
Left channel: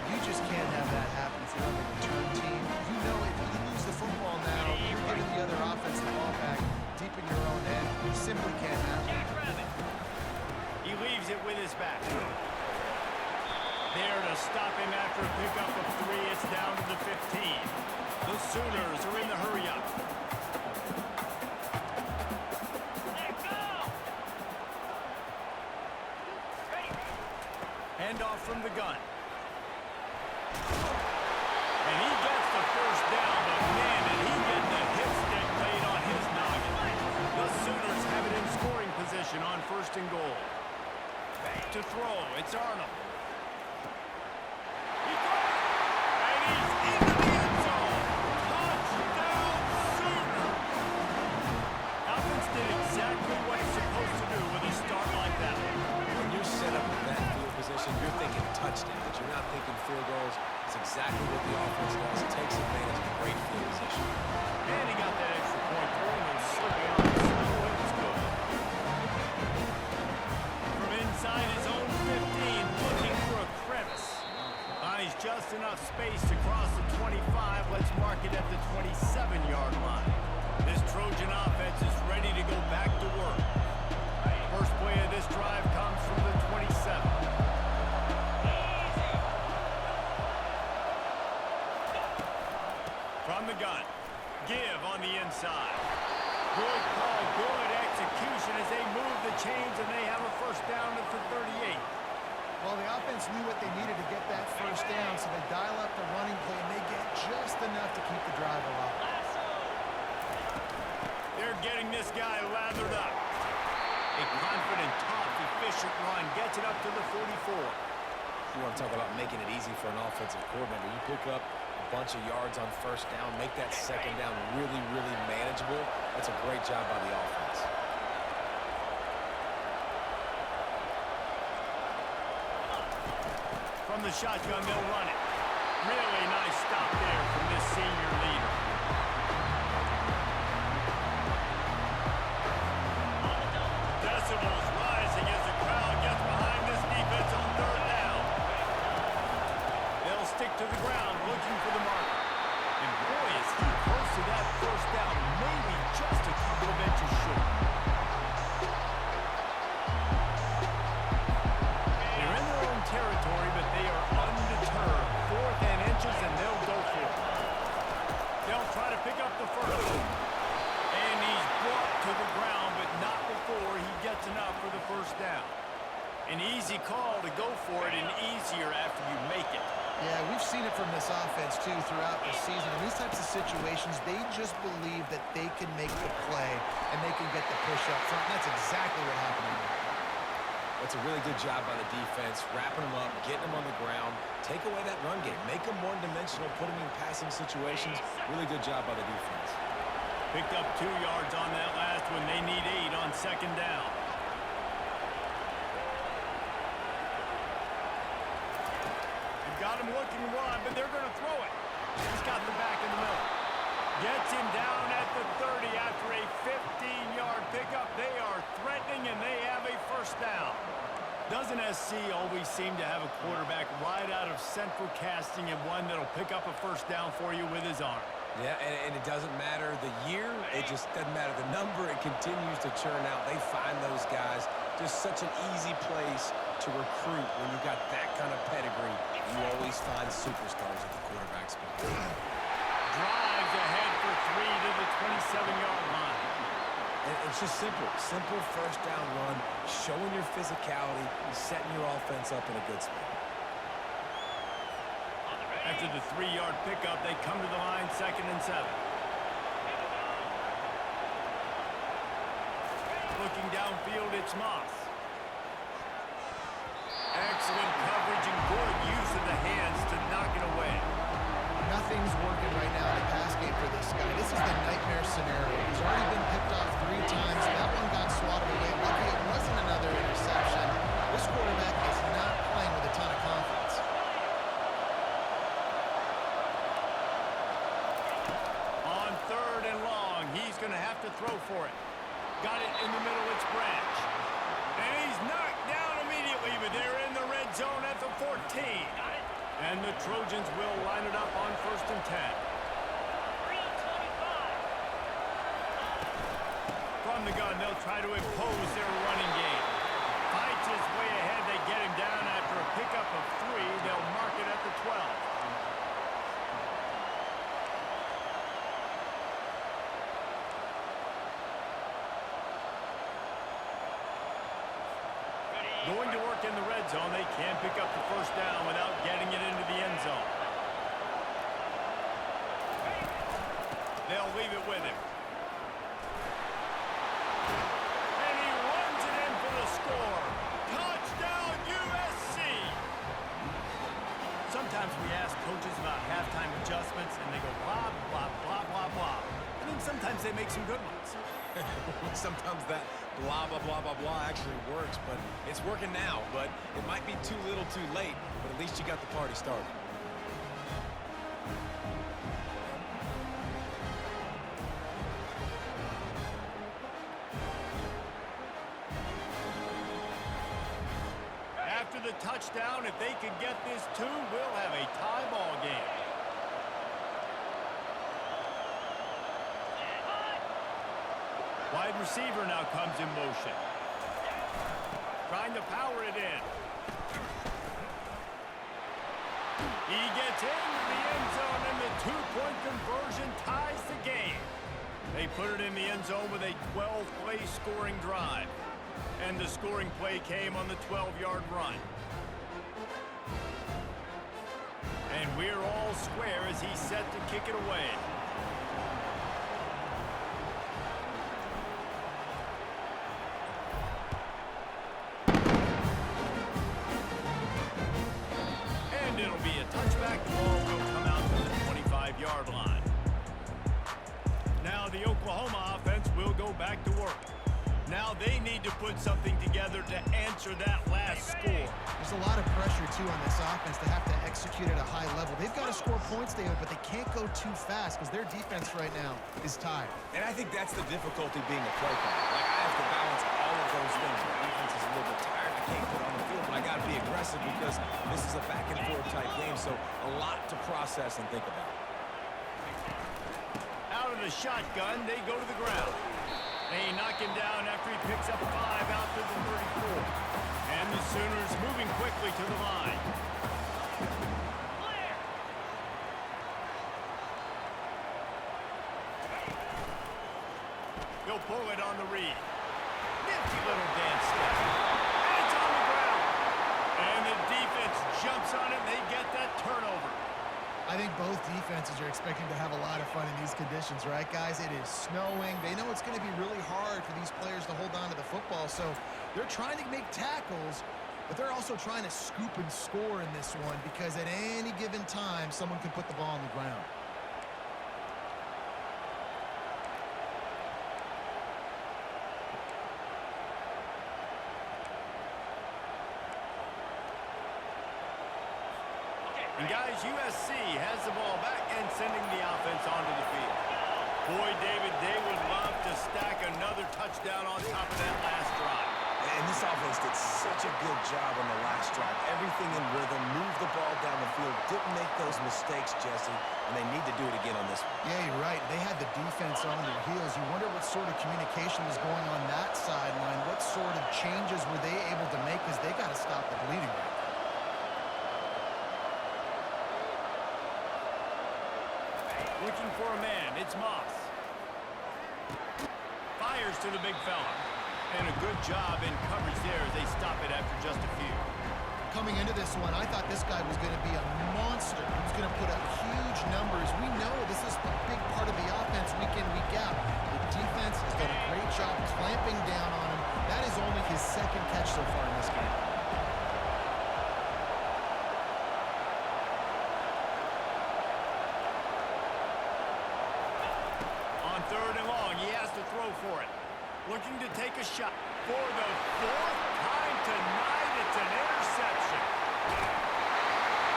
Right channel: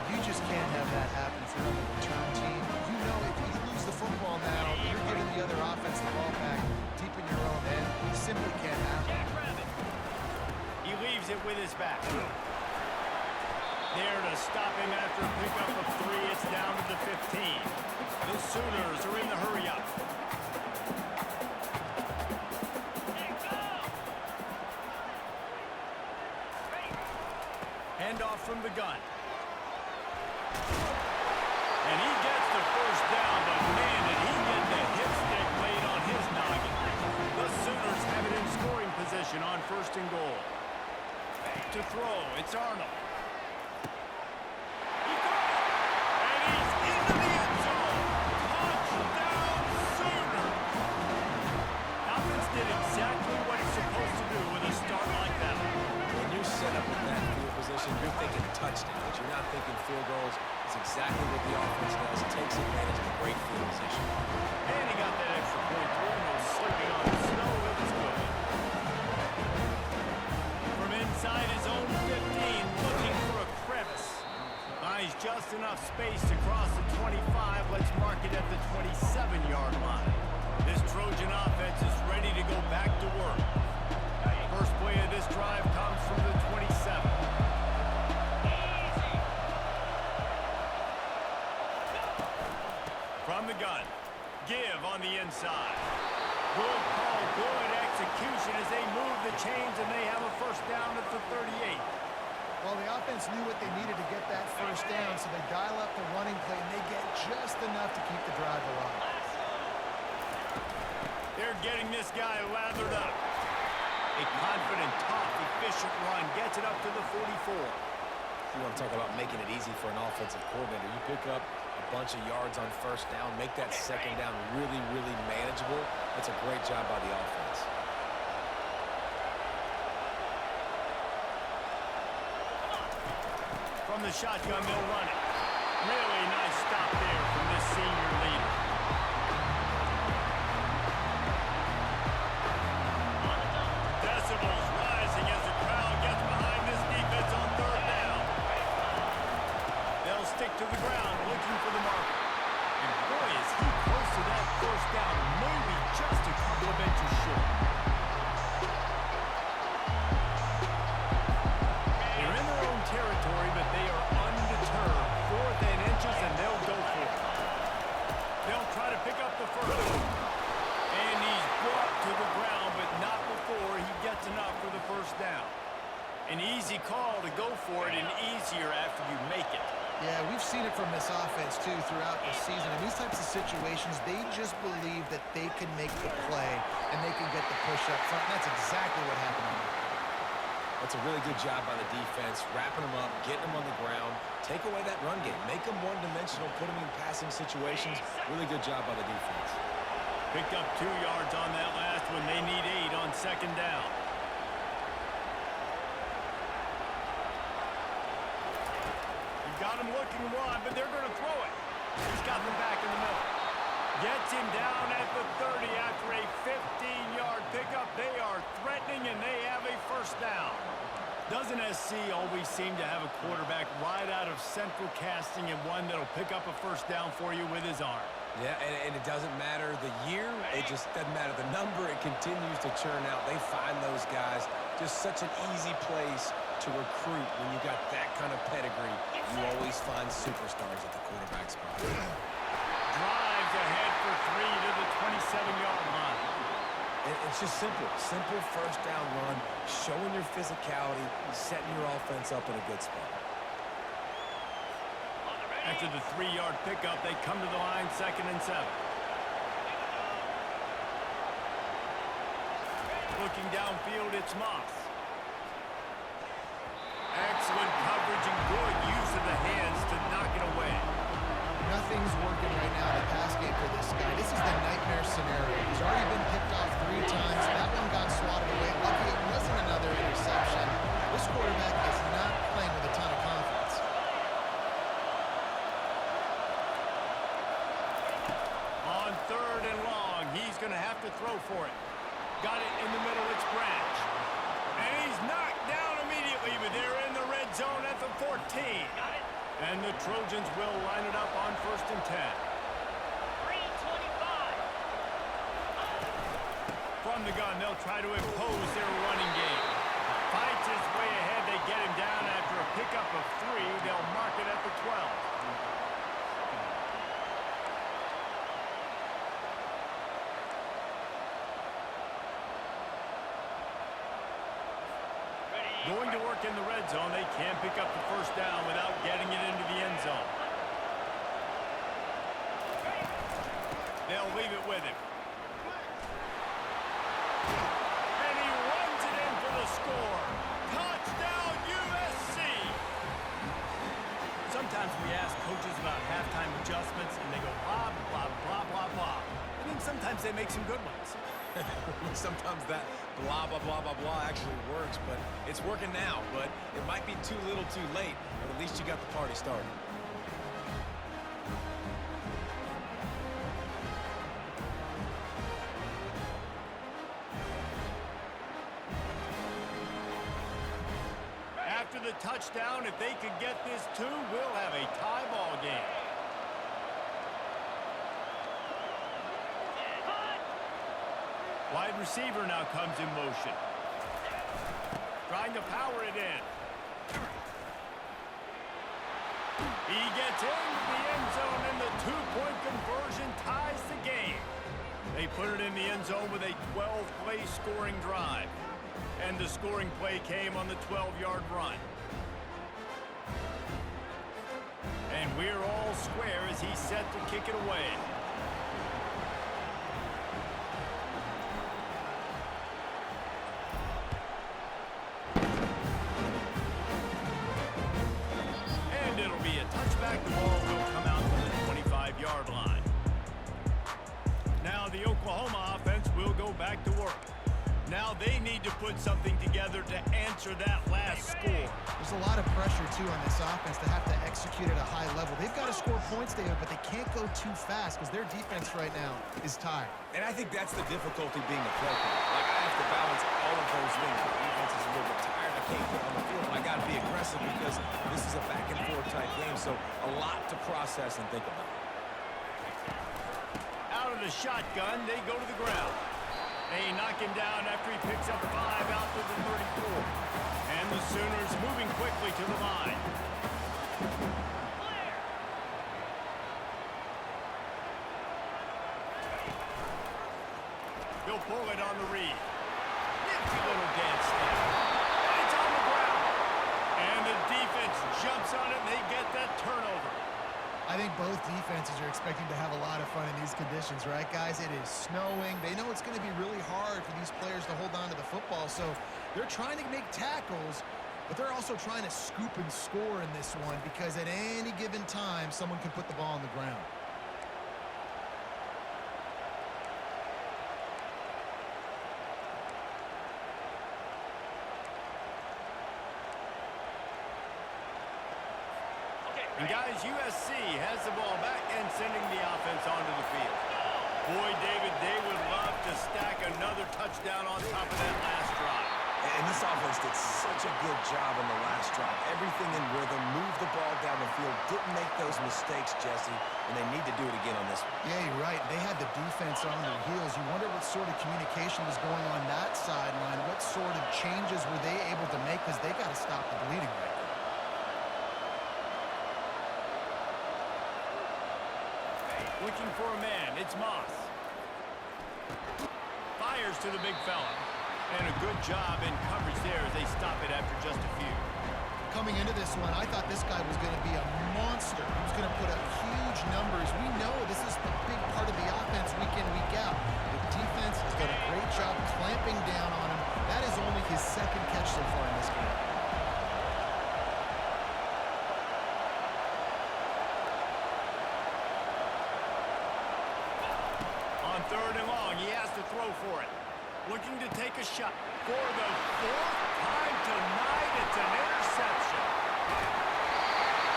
You just can't have that happen if you're on the return team. You know if you lose the football now, you're giving the other offense the ball back deep in your own end. You simply can't happen. He leaves it with his back. There to stop him after a pickup of 3. It's down to the 15. The Sooners are in the hurry-up. Handoff from the gun. And he gets the first down, but man, did he get the hip stick laid on his noggin. The Sooners have it in scoring position on 1st and goal. To throw, it's Arnold. He got it, and he's into the end zone. Touchdown, Sooner. Offense did exactly what it's supposed to do with a start like that. When you're set up with that field position, you're thinking touchdowns. You're not thinking field goals. It's exactly what the offense does. It takes advantage of a great field position. And he got that extra point through, no slipping on the snow. It was good. From inside his own 15, looking for a crevice. Buys just enough space to cross the 25. Let's mark it at the 27-yard line. This Trojan offense is ready to go back to work. First play of this drive comes from the 27. From the gun. Give on the inside. Good call, good execution as they move the chains, and they have a first down at the 38. Well, the offense knew what they needed to get that first down, so they dial up the running play, and they get just enough to keep the drive alive. They're getting this guy lathered up. A confident, tough, efficient run gets it up to the 44. You want to talk about making it easy for an offensive coordinator. You pick up a bunch of yards on first down, make that second down really, really manageable. That's a great job by the offense. From the shotgun, they'll run it. Really nice stop there from this senior leader. Decibels rising as the crowd gets behind this defense on third down. They'll stick to the ground looking for the marker. And boy, is he close to that first down, maybe just a couple of inches short. They're in their own territory, but they are undeterred. 4th and inches, and they'll go for it. They'll try to pick up the first. And he's brought to the ground, but not before he gets enough for the first down. An easy call to go for it, and easier after you make it. Yeah, we've seen it from this offense, too, throughout the season. In these types of situations, they just believe that they can make the play and they can get the push up front. And that's exactly what happened on that. That's a really good job by the defense, wrapping them up, getting them on the ground, take away that run game, make them one-dimensional, put them in passing situations. Really good job by the defense. Picked up 2 yards on that last one. They need 8 on second down. They've got him looking to run, but they're going to throw it. He's got the back in the middle. Gets him down at the 30 after a 15-yard pickup. They are threatening, and they have a first down. Doesn't SC always seem to have a quarterback right out of central casting and one that'll pick up a first down for you with his arm? Yeah, and it doesn't matter the year. It just doesn't matter the number. It continues to churn out. They find those guys. Just such an easy place to recruit when you got that kind of pedigree. You always find superstars at the quarterback spot. Drives ahead for 3 to the 27-yard line. And it's just simple. Simple first down run, showing your physicality, setting your offense up in a good spot. After the 3-yard pickup, they come to the line, 2nd and 7. Looking downfield, it's Moss. Excellent coverage and good use of the hands to knock it away. Nothing's working right now in the pass game for this guy. This is the nightmare scenario. He's already been picked off 3 times. That one got swatted away. Lucky it wasn't another interception. This quarterback is not playing with a ton of confidence. On 3rd and long, he's going to have to throw for it. Got it in the middle, it's Branch. And he's knocked down immediately, but they're in the red zone at the 14. Got it. And the Trojans will line it up on 1st and 10. 3:25. From the gun, they'll try to impose their running game. Fights his way ahead. They get him down after a pickup of 3. They'll mark it at the 12. Going to work in the red zone. They can't pick up the first down without getting it into the end zone. They'll leave it with him. And he runs it in for the score. Touchdown, USC! Sometimes we ask coaches about halftime adjustments, and they go blah, blah, blah, blah, blah. And then sometimes they make some good ones. Sometimes that blah, blah, blah, blah, blah actually works, but it's working now. But it might be too little too late, but at least you got the party started. After the touchdown, if they could get this 2, we'll have a tie ball game. Wide receiver now comes in motion. Trying to power it in. He gets into the end zone, and the 2-point conversion ties the game. They put it in the end zone with a 12-play scoring drive. And the scoring play came on the 12-yard run. And we're all square as he's set to kick it away. Now the Oklahoma offense will go back to work. Now they need to put something together to answer that last score. There's a lot of pressure, too, on this offense to have to execute at a high level. They've got to score points, David, but they can't go too fast because their defense right now is tired. And I think that's the difficulty being a play caller. Like, I have to balance all of those things. My defense is a little bit tired. I can't put it on the field, but I got to be aggressive because this is a back-and-forth type game, so a lot to process and think about. Out of the shotgun, they go to the ground. They knock him down after he picks up 5 out to the 34. And the Sooners moving quickly to the line. Clear. He'll pull it on the read. Nifty little dance step. And it's on the ground. And the defense jumps on it, and they get that turnover. I think both defenses are expecting to have a lot of fun in these conditions, right, guys? It is snowing. They know it's going to be really hard for these players to hold on to the football, so they're trying to make tackles, but they're also trying to scoop and score in this one because at any given time, someone can put the ball on the ground. And guys, USC has the ball back and sending the offense onto the field. Boy, David, they would love to stack another touchdown on top of that last drive. And this offense did such a good job on the last drive. Everything in rhythm, moved the ball down the field, didn't make those mistakes, Jesse, and they need to do it again on this one. Yeah, you're right. They had the defense on their heels. You wonder what sort of communication was going on that sideline. What sort of changes were they able to make because they got to stop the bleeding right now. Looking for a man, it's Moss. Fires to the big fella. And a good job in coverage there as they stop it after just a few. Coming into this one, I thought this guy was going to be a monster. He was going to put up huge numbers. We know this is a big part of the offense week in, week out. The defense has done a great job clamping down on him. That is only his second catch so far in this game. On 3rd and long, he has to throw for it. Looking to take a shot. For the 4th time tonight, it's an interception.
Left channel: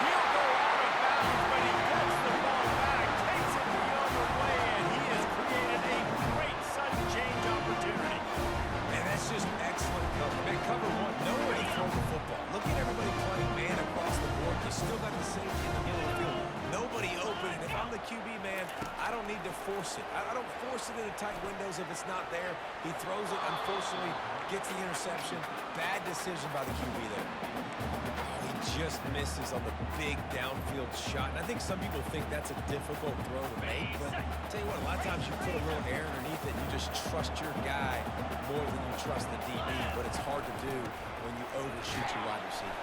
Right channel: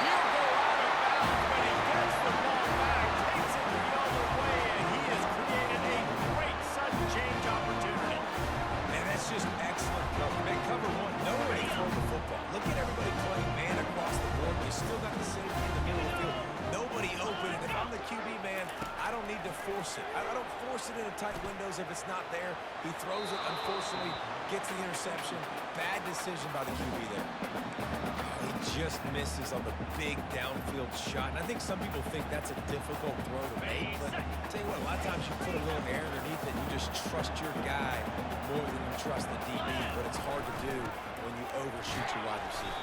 He'll go out of bounds, but he gets the ball back, takes it the other way, and he has created a great sudden change opportunity. And that's just excellent cover. Man, cover one, nowhere to throw the football. Look at everybody playing man across the board. You still got the safety in the middle of the field. Nobody open, and if I'm the QB, man, I don't need to force it. I don't force it into tight windows if it's not there. He throws it, unfortunately, gets the interception. Bad decision by the QB there. Oh, he just misses on the big downfield shot, and I think some people think that's a difficult throw to make, but I'll tell you what, a lot of times you put a little air underneath it, and you just trust your guy more than you trust the DB, but it's hard to do when you overshoot your wide receiver.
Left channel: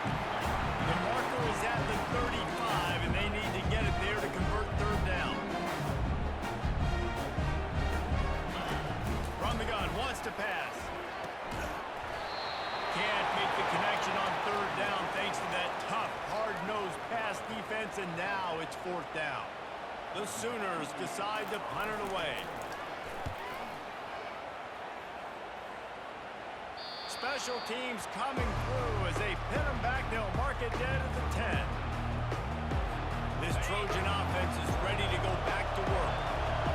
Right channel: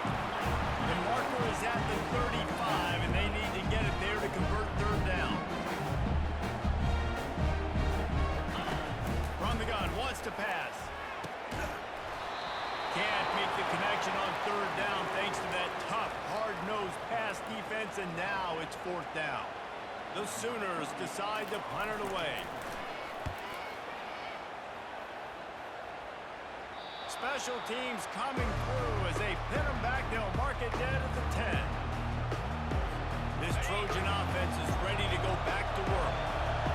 The marker is at the 35, and they need to get it there to convert 3rd down. From the gun, wants to pass. Can't make the connection on 3rd down thanks to that tough, hard-nosed pass defense, and now it's 4th down. The Sooners decide to punt it away. Special teams coming through as they pin them back. They'll mark it dead at the 10. This Trojan offense is ready to go back to work.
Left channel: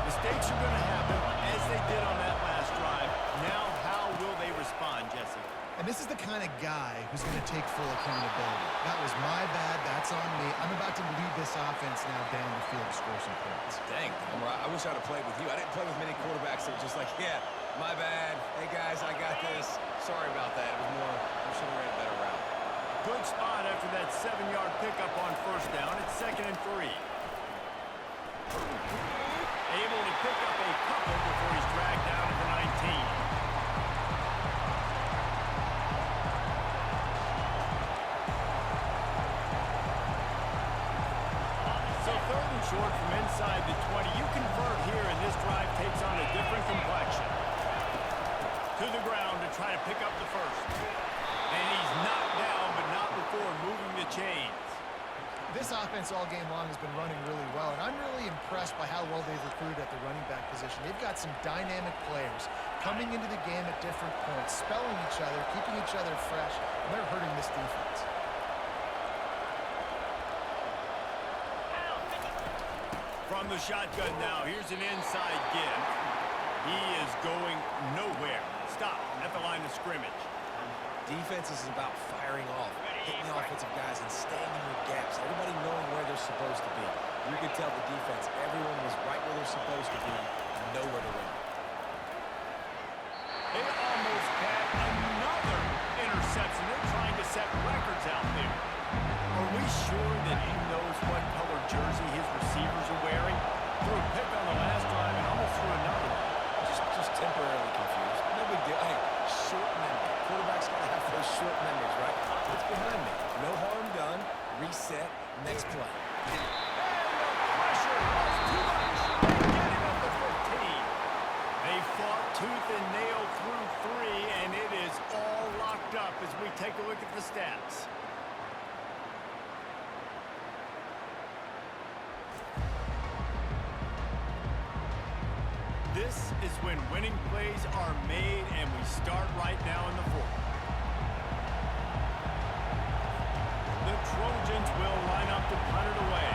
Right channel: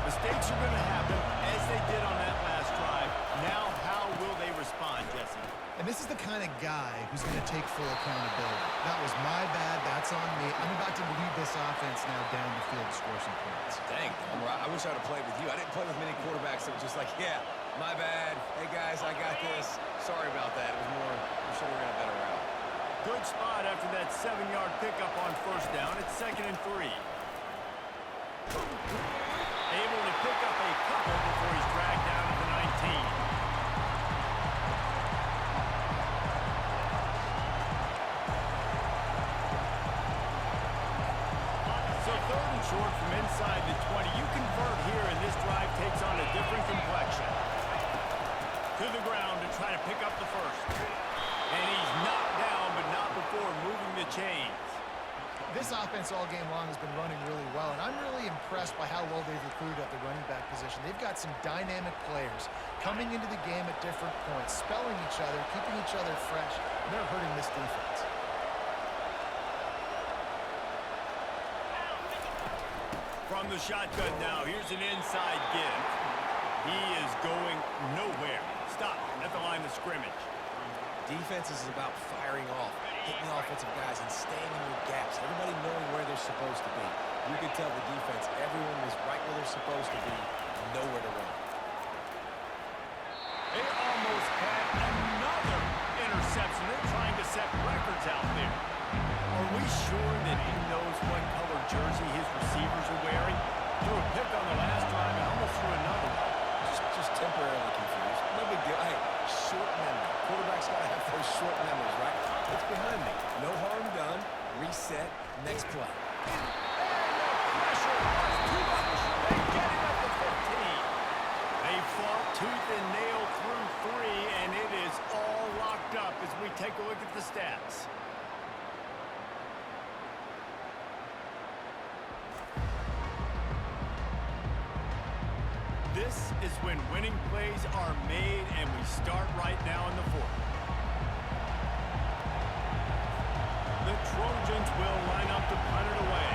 Mistakes are going to happen as they did on that last drive. Now, how will they respond, Jesse? And this is the kind of guy who's going to take full accountability. That was my bad. That's on me. I'm about to lead this offense now down the field to score some points. Dang, Dahmer, I wish I'd have played with you. I didn't play with many quarterbacks that were just like, yeah, my bad. Hey, guys, I got this. Sorry about that. It was more, we should have ran a better route. Good spot after that 7-yard pickup on 1st down. It's 2nd and 3. Able to pick up a couple before he's dragged down at the 19. So 3rd and short from inside the 20. You convert here, and this drive takes on a different complexion. To the ground to try to pick up the 1st. And he's knocked down, but not before moving the chains. This offense all game long has been running really well, and I'm really impressed by how well they've recruited at the running back position. They've got some dynamic players coming into the game at different points, spelling each other, keeping each other fresh, and they're hurting this defense. From the shotgun now, here's an inside give. He is going nowhere. Stop at the line of scrimmage. Defense is about firing off, hitting the offensive guys, and staying in your gaps. Everybody knowing where they're supposed to be. You could tell the defense, everyone was right where they're supposed to be, nowhere to run. They almost had another interception. They're trying to set records out there. Are we sure that he knows what color jersey his receivers are wearing? Threw a pick on the last drive and almost threw another one. Just temporarily confused. No big deal. Hey, short memory. Quarterback's got to have those short memories, right? It's behind me. No harm done. Reset. Next play. And the pressure was too much. They get him at the 15. They fought tooth and nail through 3, and it is all locked up as we take a look at the stats. This is when winning plays are made, and we start right now in the 4th. The Trojans will line up to punt it away.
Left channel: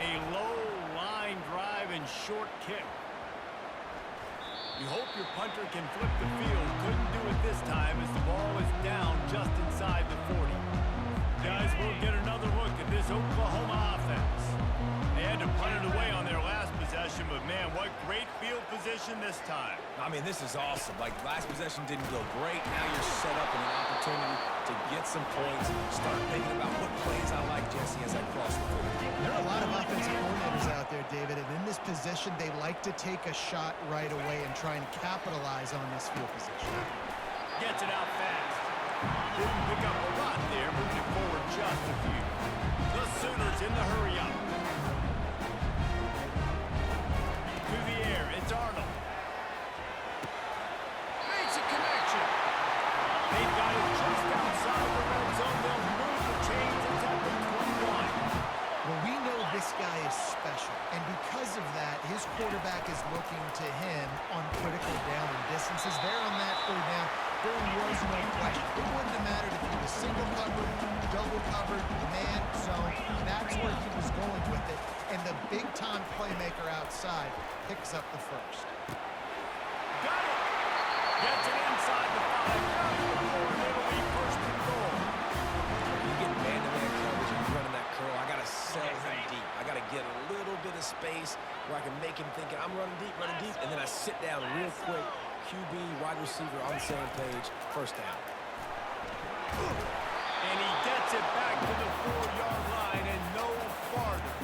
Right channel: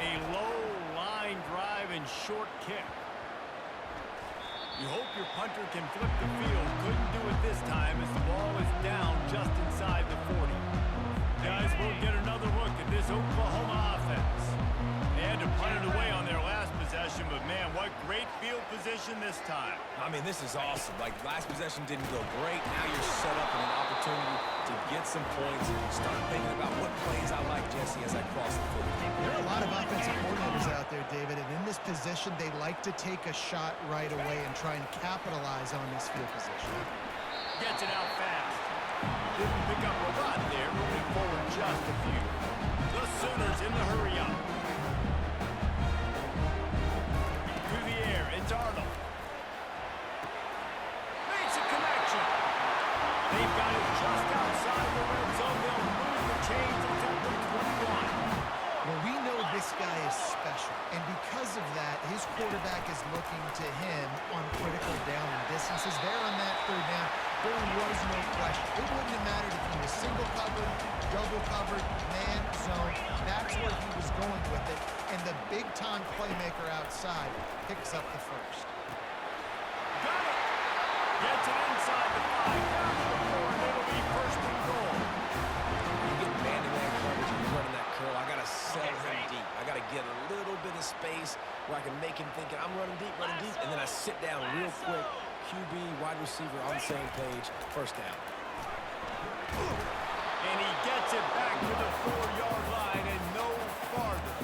A low line drive and short kick. You hope your punter can flip the field. Couldn't do it this time as the ball is down just inside the 40. Guys, we'll get another look at this Oklahoma offense. They had to punt it away on their last possession, but man, what great field position this time. I mean, this is awesome. Like, last possession didn't go great. Now you're set up in an opportunity to get some points. Start thinking about what plays I like, Jesse, as I cross the field. There are a lot of offensive coordinators out there, David, and in this position, they like to take a shot right away and try and capitalize on this field position. Gets it out fast. Didn't pick up a lot there, moving forward just a few. The Sooners in the hurry up. To the air, it's Arnold. Makes a connection. They've got it just outside the red zone. They'll move the chains. It's at the 21. Well, we know this guy is special, and because of that, his quarterback is looking to him on critical down and distances. There on that 3rd down, there was no question. It wouldn't have mattered if he was single covered, double covered, man, zone. That's where he was going with it, and the big-time playmaker outside picks up the first. Got it. Gets it inside the 5, down to the 4, and it'll be 1st and goal. You get man-to-man coverage and you're running that curl, I got to sell him deep. I got to get a little bit of space where I can make him think I'm running deep, and then I sit down real quick. QB, wide receiver on the same page, 1st down. And he gets it back to the 4-yard line and no farther.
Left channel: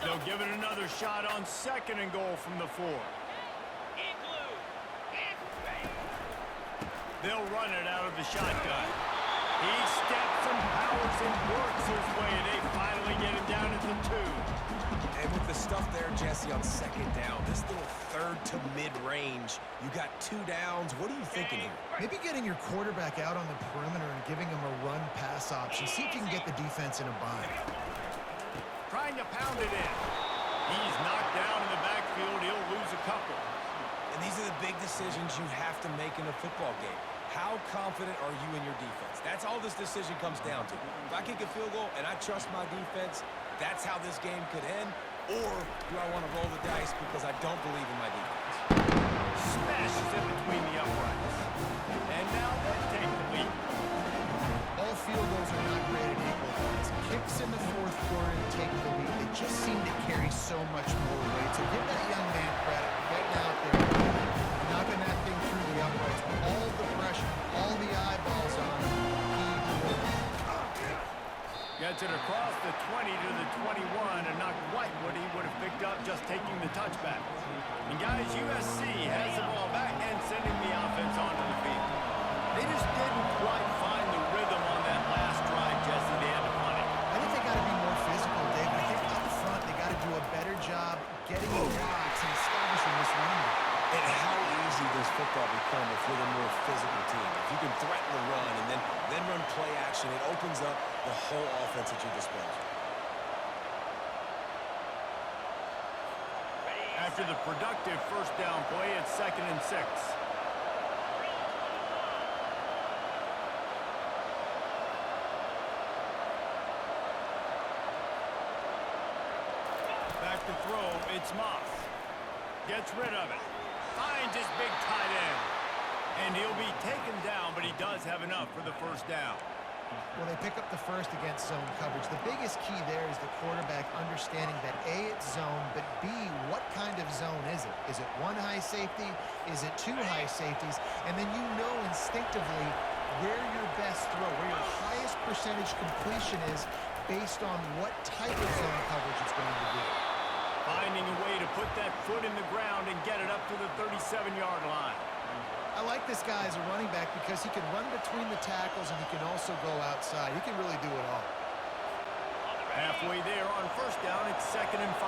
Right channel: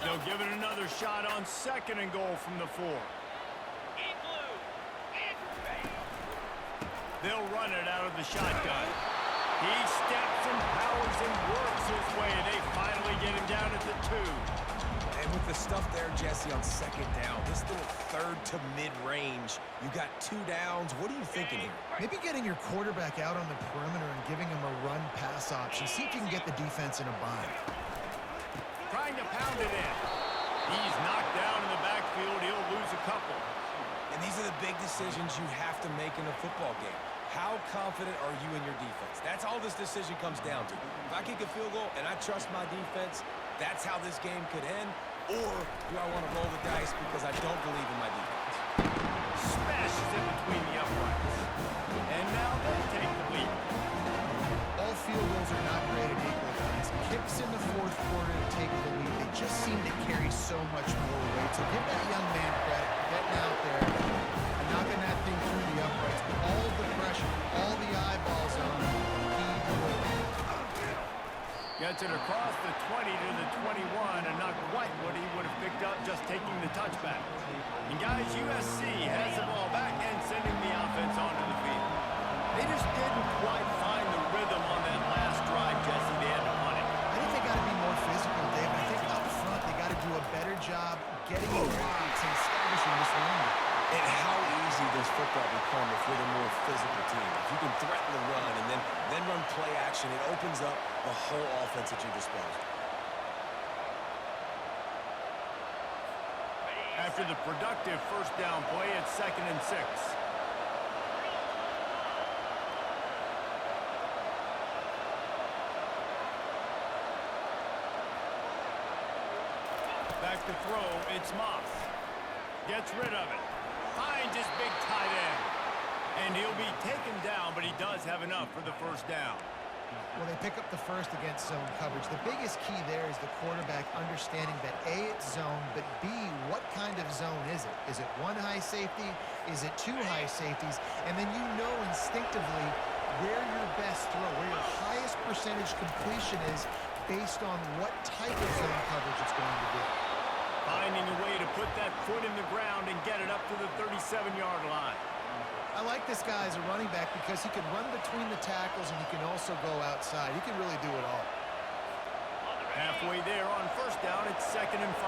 They'll give it another shot on 2nd and goal from the 4. They'll run it out of the shotgun. He steps and powers and works his way, and they finally get him down at the 2. And with the stuff there, Jesse, on 2nd down, this little 3rd to mid-range, you got 2 downs. What are you thinking here? Maybe getting your quarterback out on the perimeter and giving him a run-pass option. See if you can get the defense in a bind. Trying to pound it in. He's knocked down in the backfield. He'll lose a couple. And these are the big decisions you have to make in a football game. How confident are you in your defense? That's all this decision comes down to. If I kick a field goal and I trust my defense, that's how this game could end. Or do I want to roll the dice because I don't believe in my defense? Smashes it between the uprights. And now they take the lead. All field goals are not created equal, guys. Kicks in the 4th quarter to take the lead. They just seem to carry so much more weight. So give that young man credit for getting out there and knocking that thing through the uprights. All the pressure, all the eyeballs on him, he delivered. Gets it across the 20 to the 21, and not quite what he would have picked up just taking the touchback. And guys, USC has the ball back and sending the offense onto the field. They just didn't quite find the rhythm on that last drive, Jesse. They had to punt it. got to be more physical, David. I think up front they got to do a better job getting in blocks and establishing this running game. And how easy does football become if you're the more physical team? If you can threaten the run and then run play action, it opens up the whole offense at your disposal. After the productive first down play, it's 2nd and 6. Back to throw, it's Moss. Gets rid of it. Finds his big tight end. And he'll be taken down, but he does have enough for the first down. Well, they pick up the first against zone coverage. The biggest key there is the quarterback understanding that A, it's zone, but B, what kind of zone is it? Is it one high safety? Is it two high safeties? And then you know instinctively where your best throw, where your highest percentage completion is based on what type of zone coverage it's going to be. Finding a way to put that foot in the ground and get it up to the 37-yard line. I like this guy as a running back because he can run between the tackles and he can also go outside. He can really do it all. Halfway there on first down, it's 2nd and 5.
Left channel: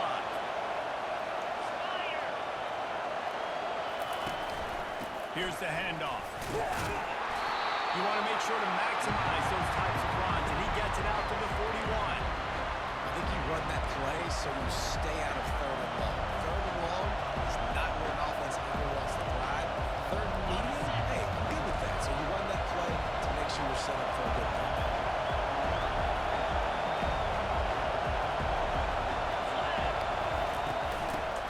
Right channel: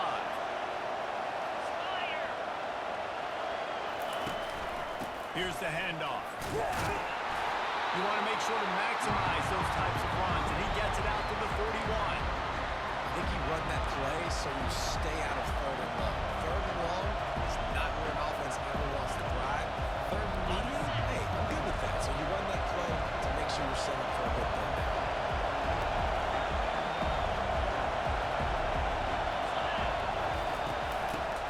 Here's the handoff. You want to make sure to maximize those types of runs, and he gets it out to the 41. I think you run that play so you stay out of 3rd and long. 3rd and long is not where an offense ever wants to thrive. 3rd and medium, hey, I'm good with that. So you run that play to make sure you're set up for a good 3rd down.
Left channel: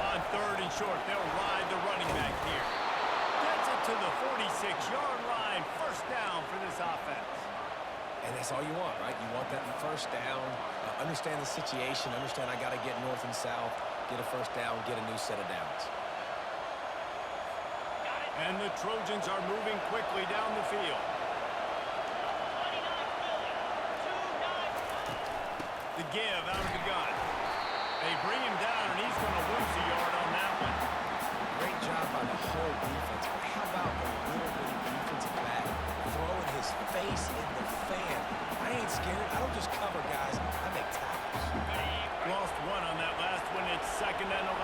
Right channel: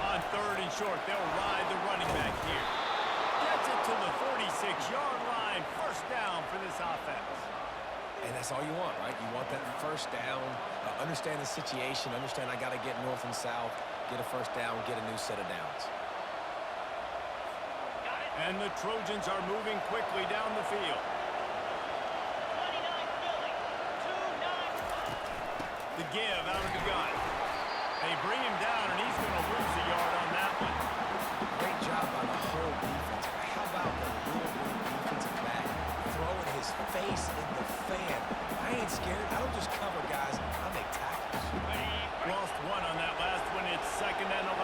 On 3rd and short, they'll ride the running back here. Gets it to the 46-yard line. First down for this offense. And that's all you want, right? You want that first down, understand the situation, understand I got to get north and south, get a first down, get a new set of downs. And the Trojans are moving quickly down the field. 29 Philly, 2-9. The give out of the gun. They bring him down, and he's going to lose a yard on that one. Great job by the whole defense, but how about the little bitty defensive back throwing his face in the fan? I ain't scared. I don't just cover guys. I make tackles. Lost one on that last one. It's 2nd and 11.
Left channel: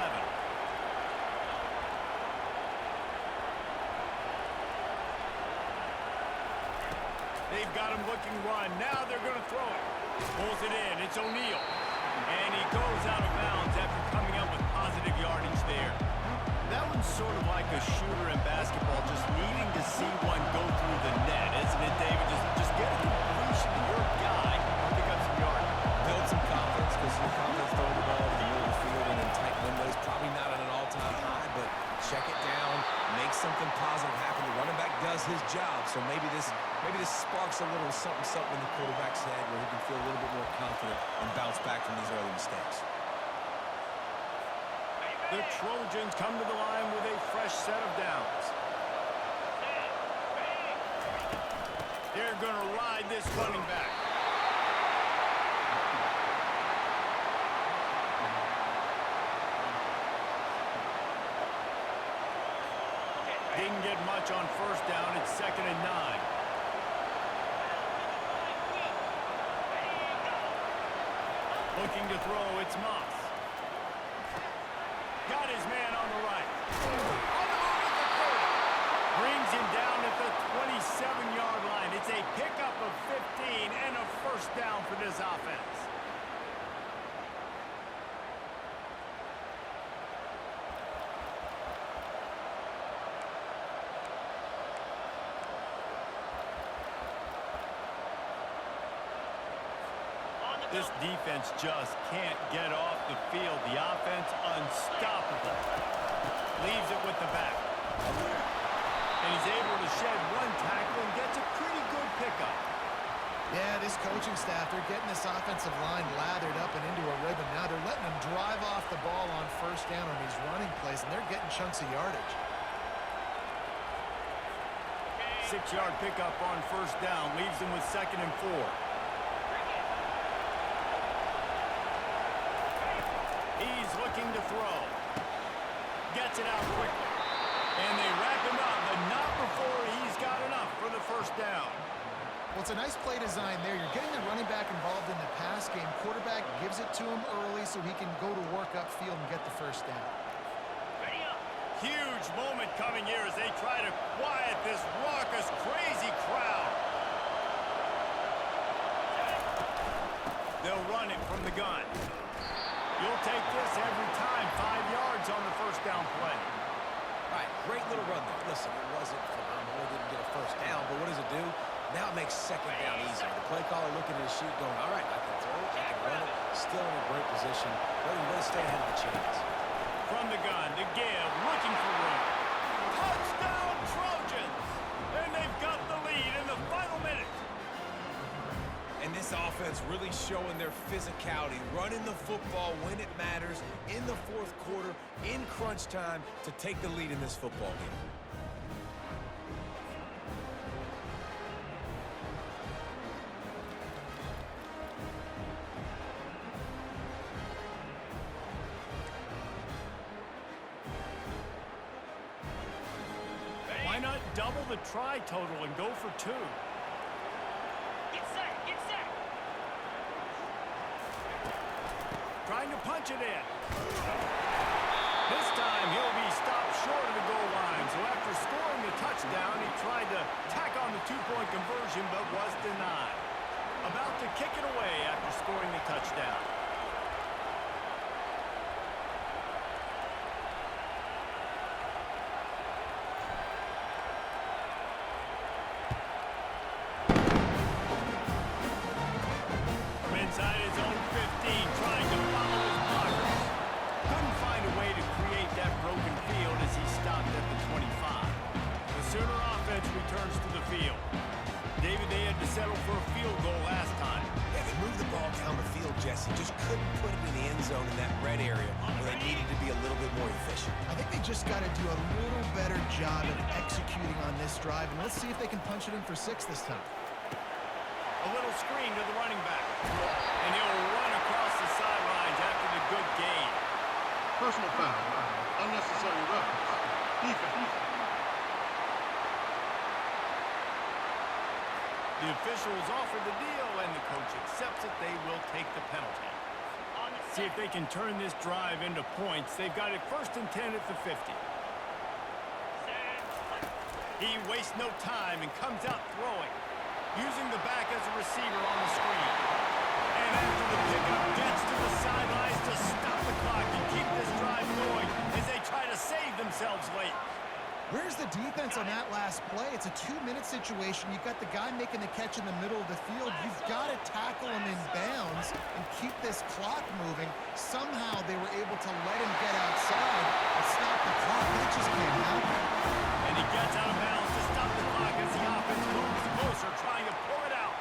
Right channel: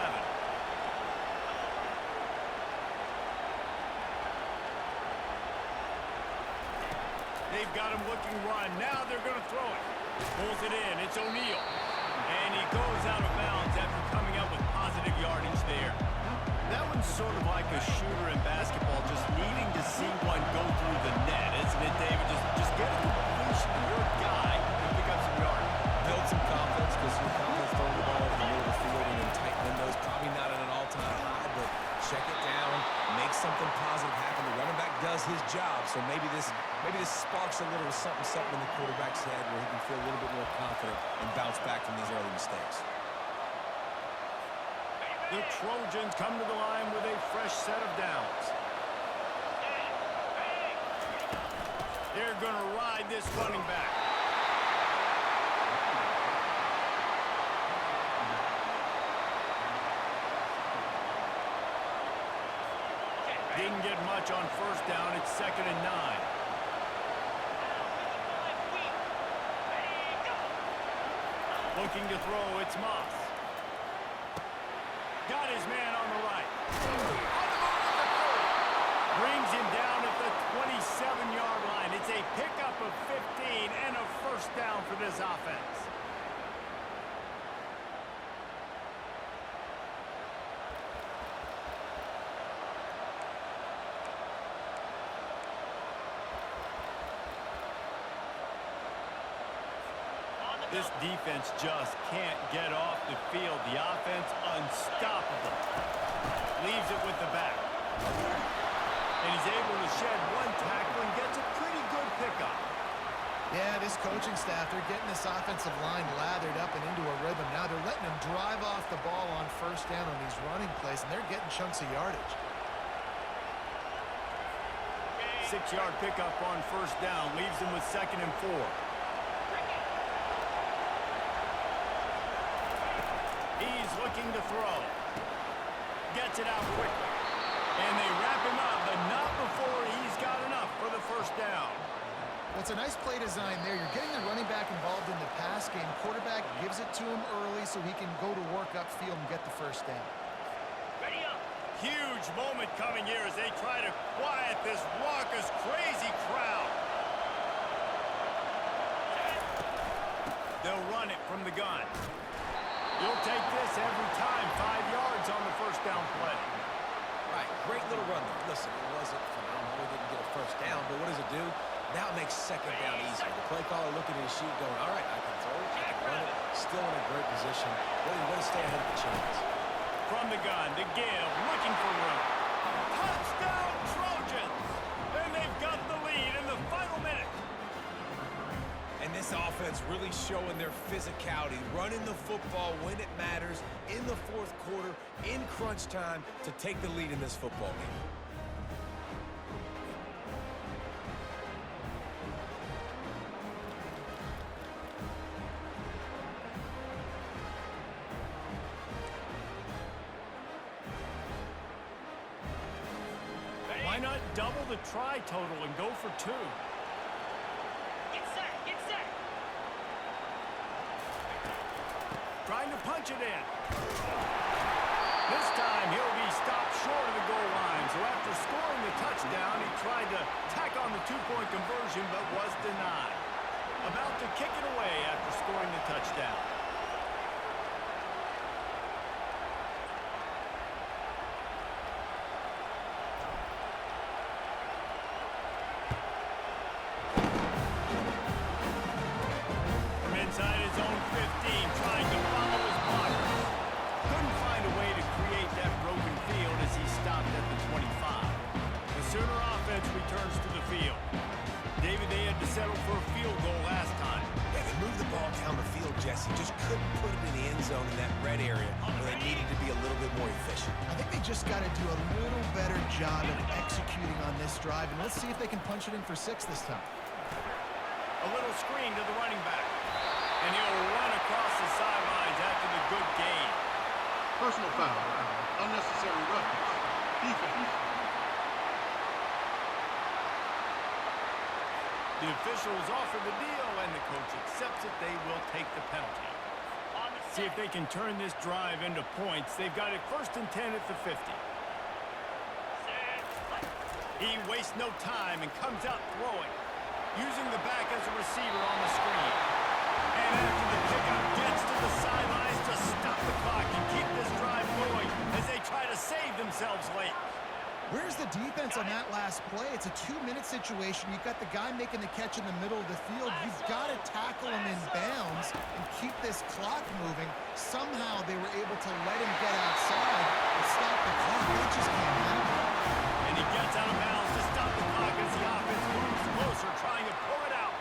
They've got him looking run. Now they're going to throw it. Pulls it in. It's O'Neal. And he goes out of bounds after coming up with positive yardage there. That one's sort of like a shooter in basketball, just needing to see one go through the net, isn't it, David? Just get a completion to your guy and pick up some yardage. Build some confidence because your confidence throwing the ball over the middle of the field and in tight windows. Probably not at an all-time high, but check it down, make something positive happen. The running back does his job, so maybe this sparks a little something in the quarterback's head where he can feel a little bit more confident and bounce back from these early mistakes. The Trojans come to the line with a fresh set of downs. They're going to ride this running back. Didn't get much on first down. It's 2nd and 9. Looking to throw, it's Moss. Got his man on the right. On the move at the 30. Brings him down at the 27-yard line. It's a pickup of 15 and a first down for this offense. This defense just can't get off the field. The offense unstoppable. Leaves it with the back. And he's able to shed one tackle and gets a pretty good pickup. Yeah, this coaching staff, they're getting this offensive line lathered up and into a rhythm. Now they're letting them drive off the ball on first down on these running plays, and they're getting chunks of yardage. 6-yard pickup on first down. Leaves them with 2nd and 4. He's looking to throw. Gets it out quickly. And they wrap him up, but not before he's got enough for the first down. Well, it's a nice play design there. You're getting the running back involved in the pass game. Quarterback gives it to him early so he can go to work upfield and get the first down. Ready up. Huge moment coming here as they try to quiet this raucous, crazy crowd. They'll run it from the gun. You'll take this every time. 5 yards on the first down play. Right, great little run there. Listen, it wasn't phenomenal. He didn't get a first down, but what does it do? Now it makes second down easier. The play caller looking at his sheet going, all right, I can throw it, I can run it. Still in a great position. Ready to stay ahead of the chains. From the gun to give, looking for room. Touchdown Trojans! And they've got the lead in the final minute. And this offense really showing their physicality, running the football when it matters, in the fourth quarter, in crunch time, to take the lead in this football game. Why not double the try total and go for 2? Get set. Get set. Trying to punch it in. This time he'll be stopped short of the goal line. So after scoring the touchdown, he tried to tack on the 2-point conversion but was denied. About to kick it away after scoring the touchdown. Inside his own 15, trying to follow his blockers. Couldn't find a way to create that broken field as he stopped at the 25. The Sooner offense returns to the field. David, they had to settle for a field goal last time. Yeah, they moved the ball down the field, Jesse. Just couldn't put it in the end zone in that red area where they needed to be a little bit more efficient. I think they just got to do a little better job of executing on this drive, and let's see if they can punch it in for 6 this time. A little screen to the running back. And he'll run across the sidelines after the good gain. Personal foul. Unnecessary roughness. Defense. The officials offer the deal, and the coach accepts it. They will take the penalty. On the See if set. they can turn this drive into points. They've got it 1st and 10 at the 50. Set. He wastes no time and comes out throwing, using the back as a receiver on the screen. And after the pickup, gets to the sidelines to stop the clock and keep this drive going as they try to save themselves late. Where's the defense on that last play? It's a 2-minute situation. You've got the guy making the catch in the middle of the field. You've got to tackle him in bounds and keep this clock moving. Somehow they were able to let him get outside and stop the clock. That just can't happen. And he gets out of bounds to stop the clock as the offense moves closer, trying to pull it out.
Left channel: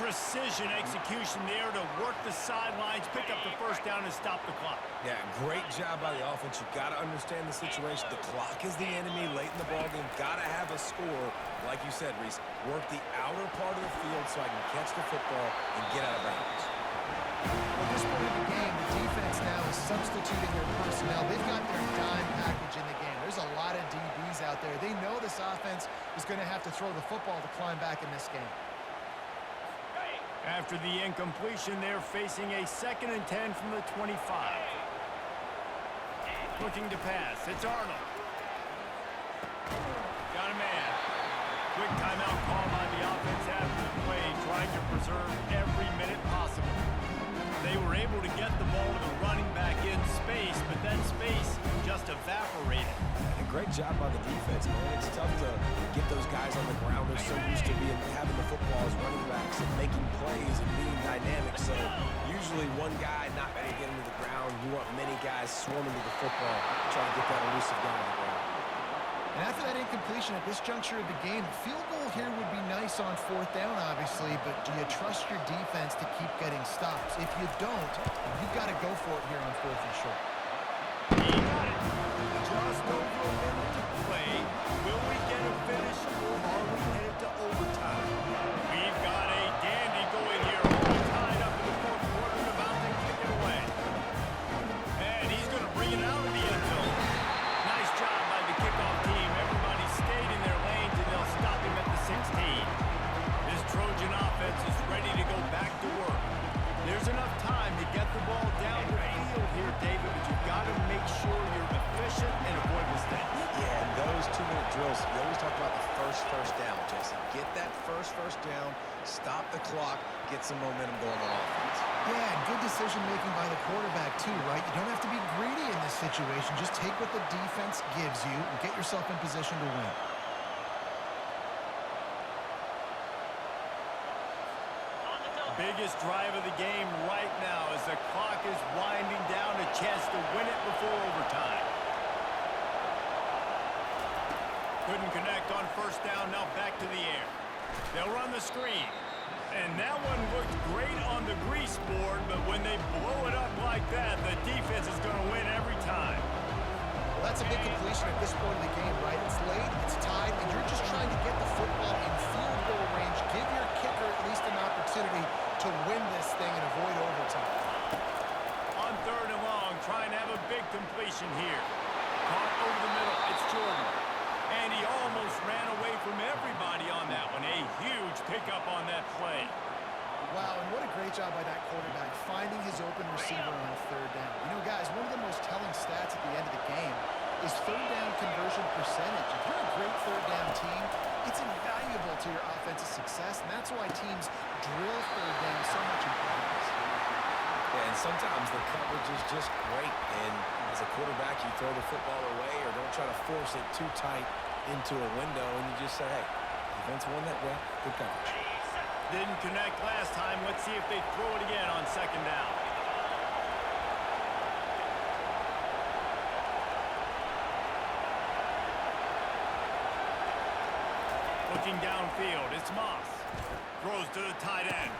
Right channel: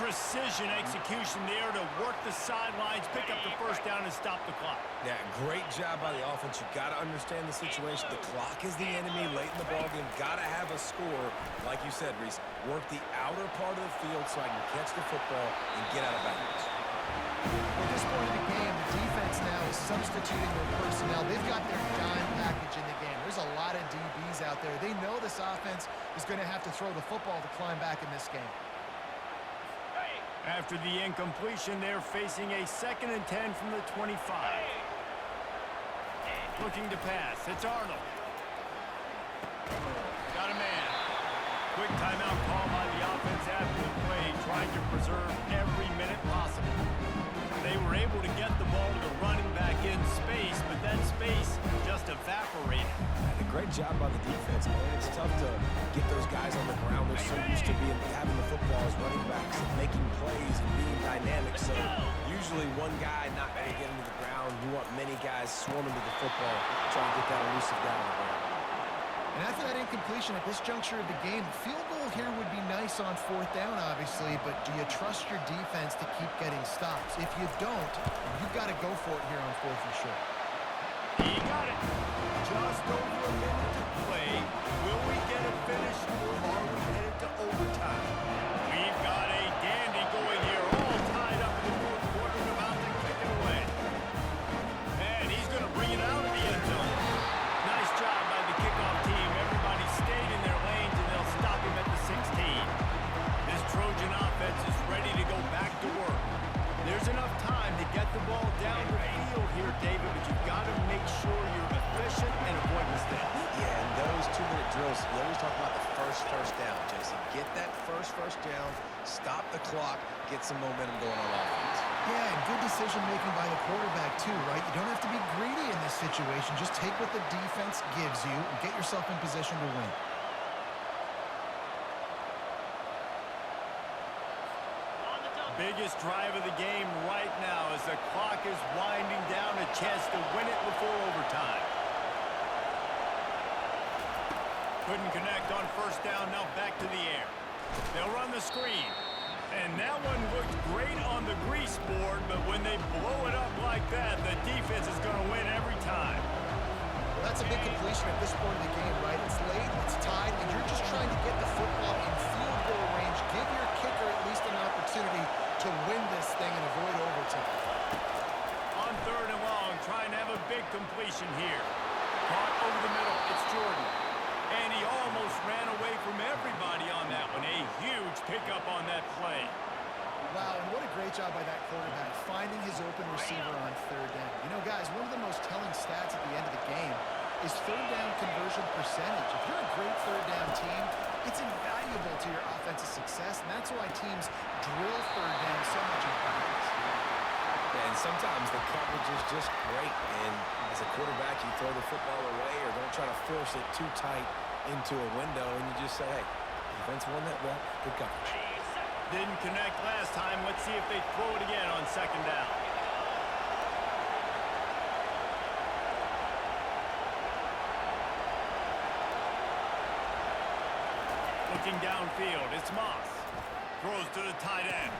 Precision execution there to work the sidelines, pick up the first down, and stop the clock. Yeah, great job by the offense. You got to understand the situation. The clock is the enemy late in the ballgame. Got to have a score. Like you said, Reese, work the outer part of the field so I can catch the football and get out of bounds. Well, at this point in the game, the defense now is substituting their personnel. They've got their dime package in the game. There's a lot of DBs out there. They know this offense is going to have to throw the football to climb back in this game. After the incompletion, they're facing a 2nd and 10 from the 25. Looking to pass. It's Arnold. Got a man. Quick timeout call by the offense after the play, trying to preserve every minute possible. They were able to get the ball to the running back in space, but that space just evaporated. And a great job by the defense, man. It's tough to get those guys on the ground. They're so used to having the football as running backs and making plays and being dynamic. So usually one guy not going to get into the ground. You want many guys swarming to the football, trying to get that elusive guy on the ground. And after that incompletion at this juncture of the game, the field goal here would be nice on 4th down, obviously, but do you trust your defense to keep getting stops? If you don't, you've got to go for it here on 4th and short. He got it. Just over a minute to play. Will we get a finish, or are we headed to overtime? We've got a dandy going here, all tied up in the 4th quarter and about to kick it away. And he's going to bring it out of the end zone. Nice job by the kickoff team. Everybody stayed in their lanes, and they'll stop him at the 16. This Trojan drills, you always talk about the first down, Jesse. Get that first down, stop the clock, get some momentum going on offense. Yeah, and good decision-making by the quarterback, too, right? You don't have to be greedy in this situation. Just take what the defense gives you and get yourself in position to win. On the double. Biggest drive of the game right now as the clock is winding down, a chance to win it before overtime. Couldn't connect on first down, now back to the air. They'll run the screen. And that one looked great on the grease board, but when they blow it up like that, the defense is going to win every time. Well, that's a big completion at this point of the game, right? It's late, it's tied, and you're just trying to get the football in field goal range. Give your kicker at least an opportunity to win this thing and avoid overtime. On 3rd and long, trying to have a big completion here. Caught over the middle. It's Jordan. And he almost ran away from everybody on that one. A huge pickup on that play. Wow, and what a great job by that quarterback, finding his open receiver on 3rd down. You know, guys, one of the most telling stats at the end of the game is 3rd down conversion percentage. If you're a great 3rd down team, it's invaluable to your offensive success, and that's why teams drill 3rd down so much in practice. Yeah, and sometimes the coverage is just great. And as a quarterback, you throw the football away or don't try to force it too tight into a window, and you just say, hey, defense won that well, good coverage. Ready, set. Didn't connect last time. Let's see if they throw it again on 2nd down. Looking downfield, it's Moss. Throws to the tight end.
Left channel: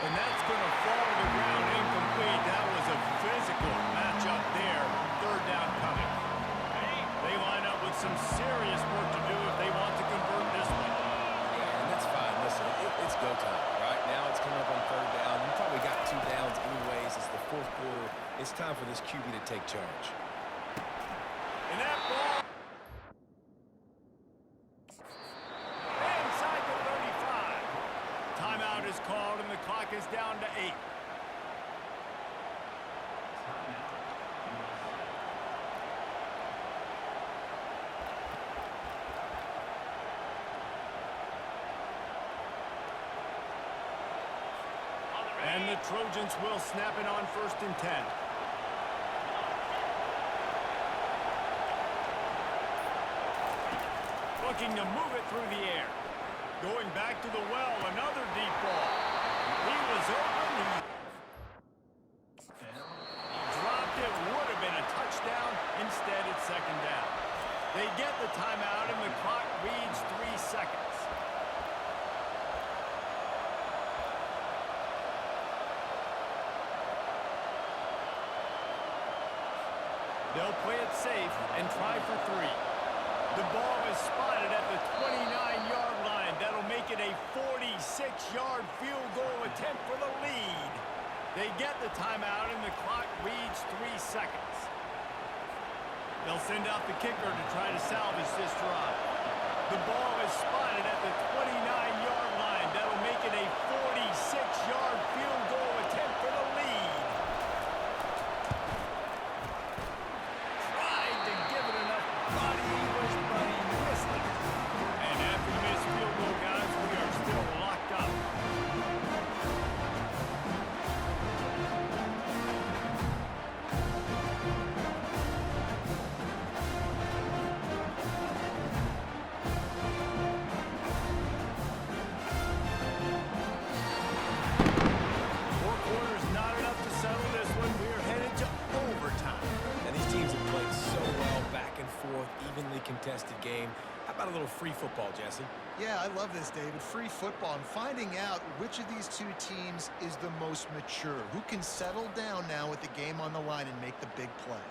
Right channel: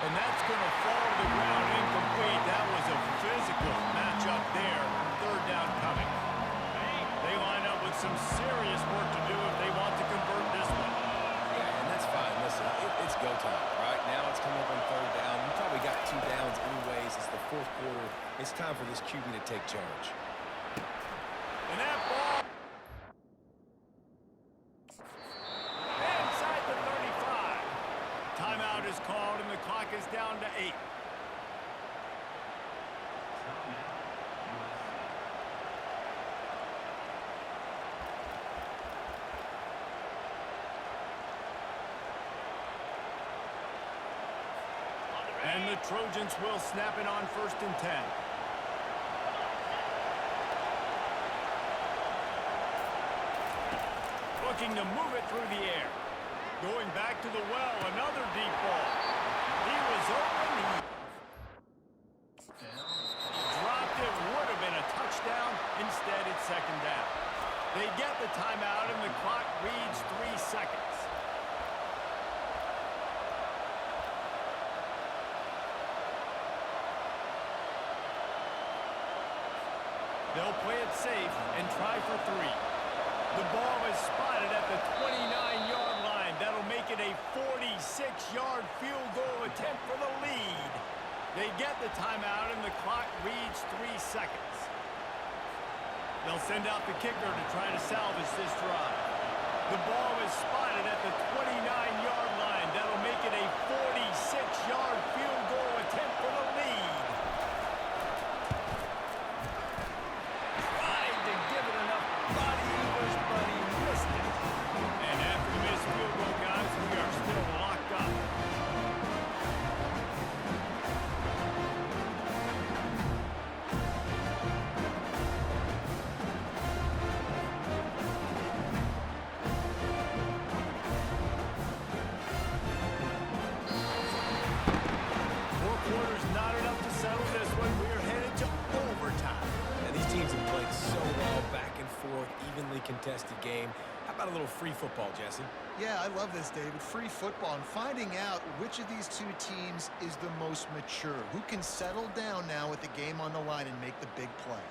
And that's going to fall to the ground incomplete. That was a physical matchup there. 3rd down coming. They line up with some serious work to do if they want to convert this one. Yeah, and that's fine. Listen, it's go time, right? Now it's coming up on 3rd down. You probably got 2 downs anyways. It's the 4th quarter. It's time for this QB to take charge. And that ball inside the 35. Timeout is called, and the clock is down to 8. And the Trojans will snap it on 1st and 10. Looking to move it through the air. Going back to the well, another deep ball. He was open. He dropped it. Would have been a touchdown. Instead, it's 2nd down. They get the timeout, and the clock reads 3 seconds. They'll play it safe and try for 3. The ball is spotted at the 29-yard line. That'll make it a 46-yard field goal attempt for the lead. They get the timeout, and the clock reads 3 seconds. They'll send out the kicker to try to salvage this drive. The ball is spotted at the 29-yard line. That'll make it a 46-yard field goal attempt for the lead. To give it enough body English, but he missed it. And after the missed field goal, guys, we are still locked up. Four quarters not enough to settle this one. We are headed to overtime. And these teams have played so well, back and forth, evenly contested game. How about a little free football, Jesse? Yeah, I love this, David. Free football and finding out which of these 2 teams is the most mature. Who can settle down now with the game on the line and make the big play.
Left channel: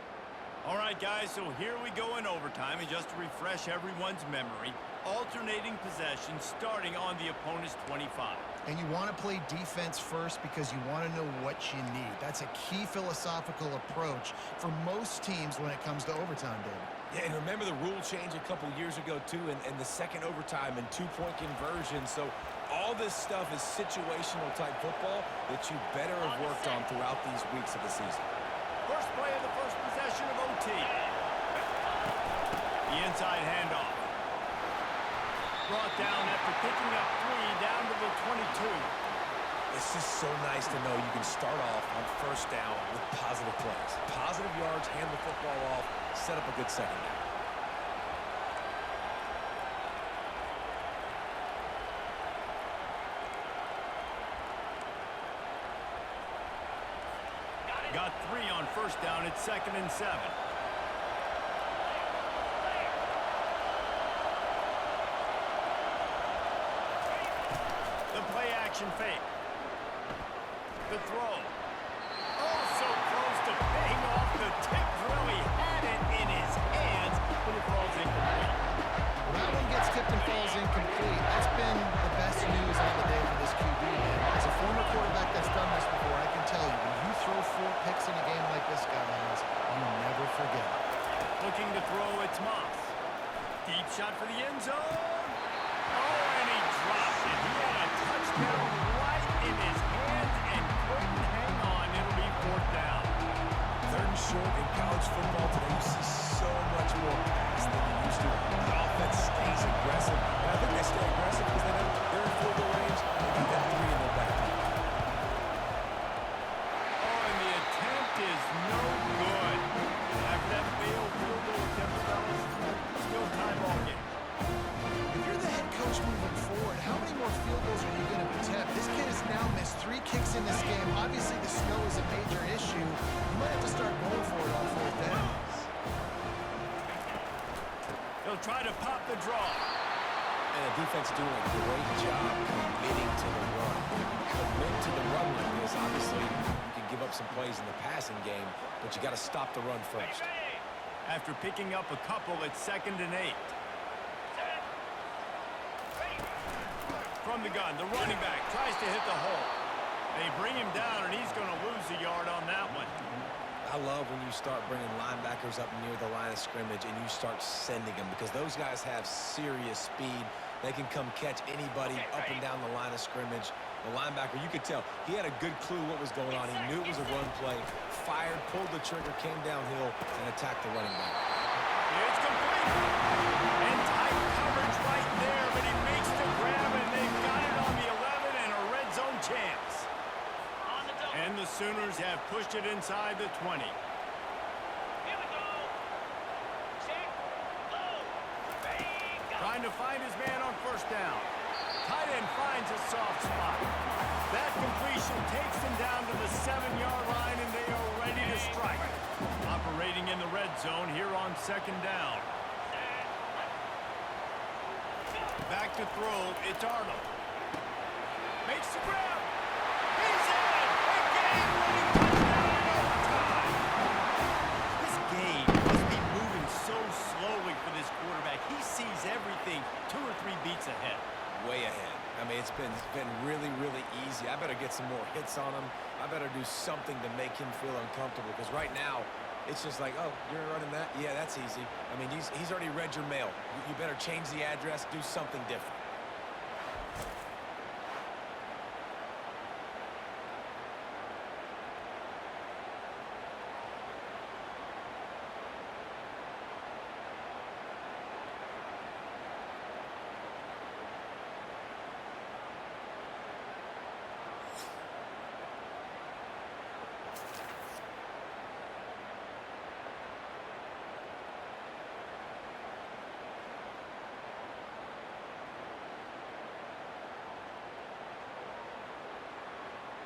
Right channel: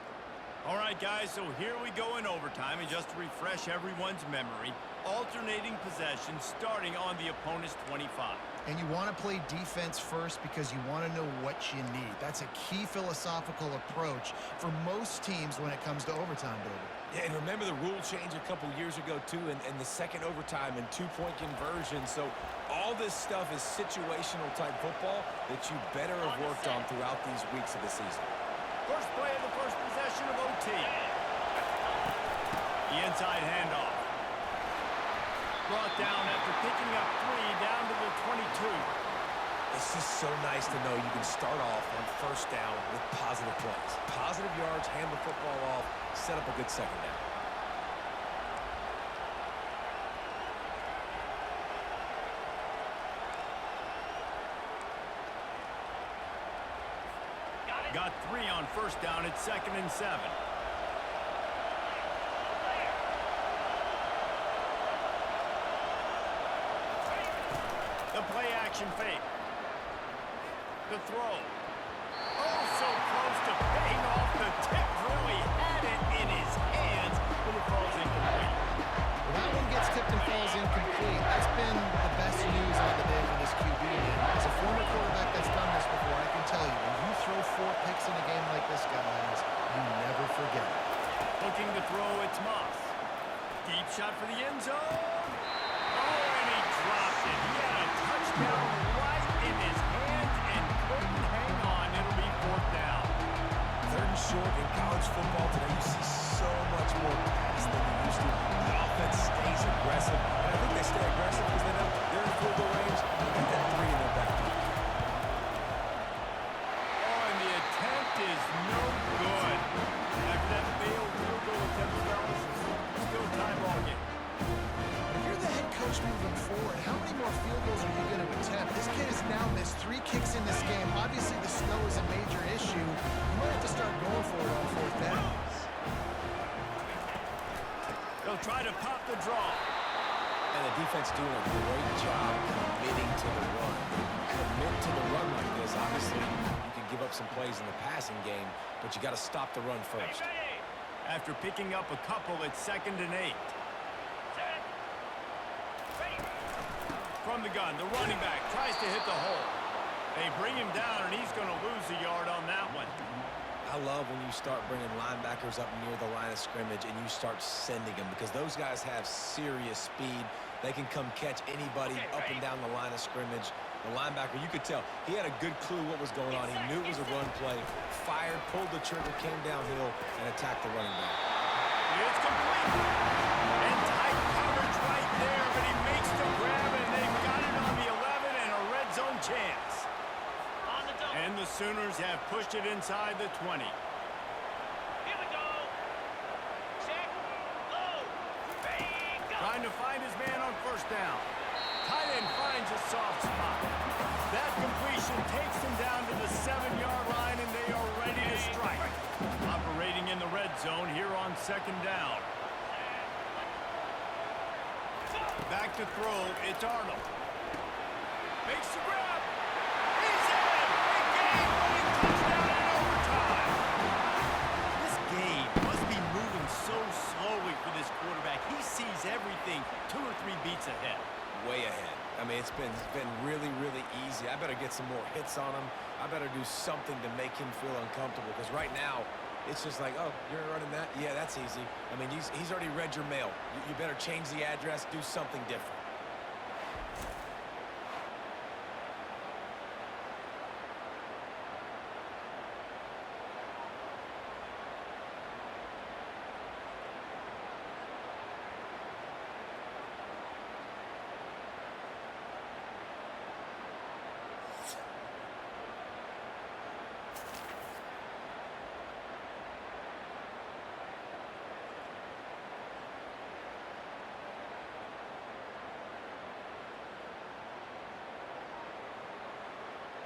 All right, guys, so here we go in overtime. And just to refresh everyone's memory, alternating possession starting on the opponent's 25. And you want to play defense first because you want to know what you need. That's a key philosophical approach for most teams when it comes to overtime, David. Yeah, and remember the rule change a couple years ago, too, and the second overtime and 2-point conversion. So all this stuff is situational type football that you better have worked on throughout these weeks of the season. First play of the first possession of OT. The inside handoff. Brought down after picking up 3 down to the 22. It's just so nice to know you can start off on first down with positive plays. Positive yards, hand the football off, set up a good second down. Got 3 on first down. It's 2nd and 7. The play action fake. The throw. Oh, so close to paying off the tip. Really had it in his hands, but it falls incomplete. Well, that one gets tipped and falls incomplete. That's been the best news on the day for this QB, man. As a former quarterback that's done this before, I can tell you, when you throw 4 picks in a game like this guy has, you never forget it. Looking to throw, it's Moss. Deep shot for the end zone. Oh, and he dropped it. He had a touchdown right in his hands and couldn't hang on. It'll be 4th down. 3rd and short in college football today, you see so much more pass than you used to. The offense stays aggressive, and I think they stay aggressive because they know they're in field goal range. They got that 3 in their back pocket. Oh, and the attempt is no good. After that failed field goal attempt, fellas, still tie ball game. If you're the head coach moving forward, how many more field goals are you going to attempt? This kid has now missed 3 kicks in this game. Obviously, the snow is a major issue. You might have to start going for it on 4th down. He'll try to pop the draw. And the defense doing a great job committing to the run. If you commit to the run like this, obviously you can give up some plays in the passing game, but you got to stop the run first. After picking up a couple, it's 2nd and 8. From the gun, the running back tries to hit the hole. They bring him down, and he's going to lose a yard on that one. I love when you start bringing linebackers up near the line of scrimmage and you start sending them because those guys have serious speed. They can come catch anybody up and down the line of scrimmage. The linebacker, you could tell, he had a good clue what was going on. He knew it was a run play, fired, pulled the trigger, came downhill, and attacked the running back. It's complete. And tight coverage right there, but he makes the grab, and they've got it on the 11 and a red zone chance. And the Sooners have pushed it inside the 20. Here we go. Check. Low. Go. Trying to find his man on first down. Tight end finds a soft spot. That completion takes him down to the 7-yard line, and they are ready to strike. Operating in the red zone here on 2nd down. Back to throw. It's Arnold. Makes the grab. He's in. A game-winning touchdown in overtime. This game must be moving so slowly for this quarterback. He sees everything 2 or 3 beats ahead. Way ahead. I mean, it's been really, really easy. I better get some more hits on him. I better do something to make him feel uncomfortable because right now, it's just like, oh, you're running that? Yeah, that's easy. I mean, he's already read your mail. You better change the address, do something different.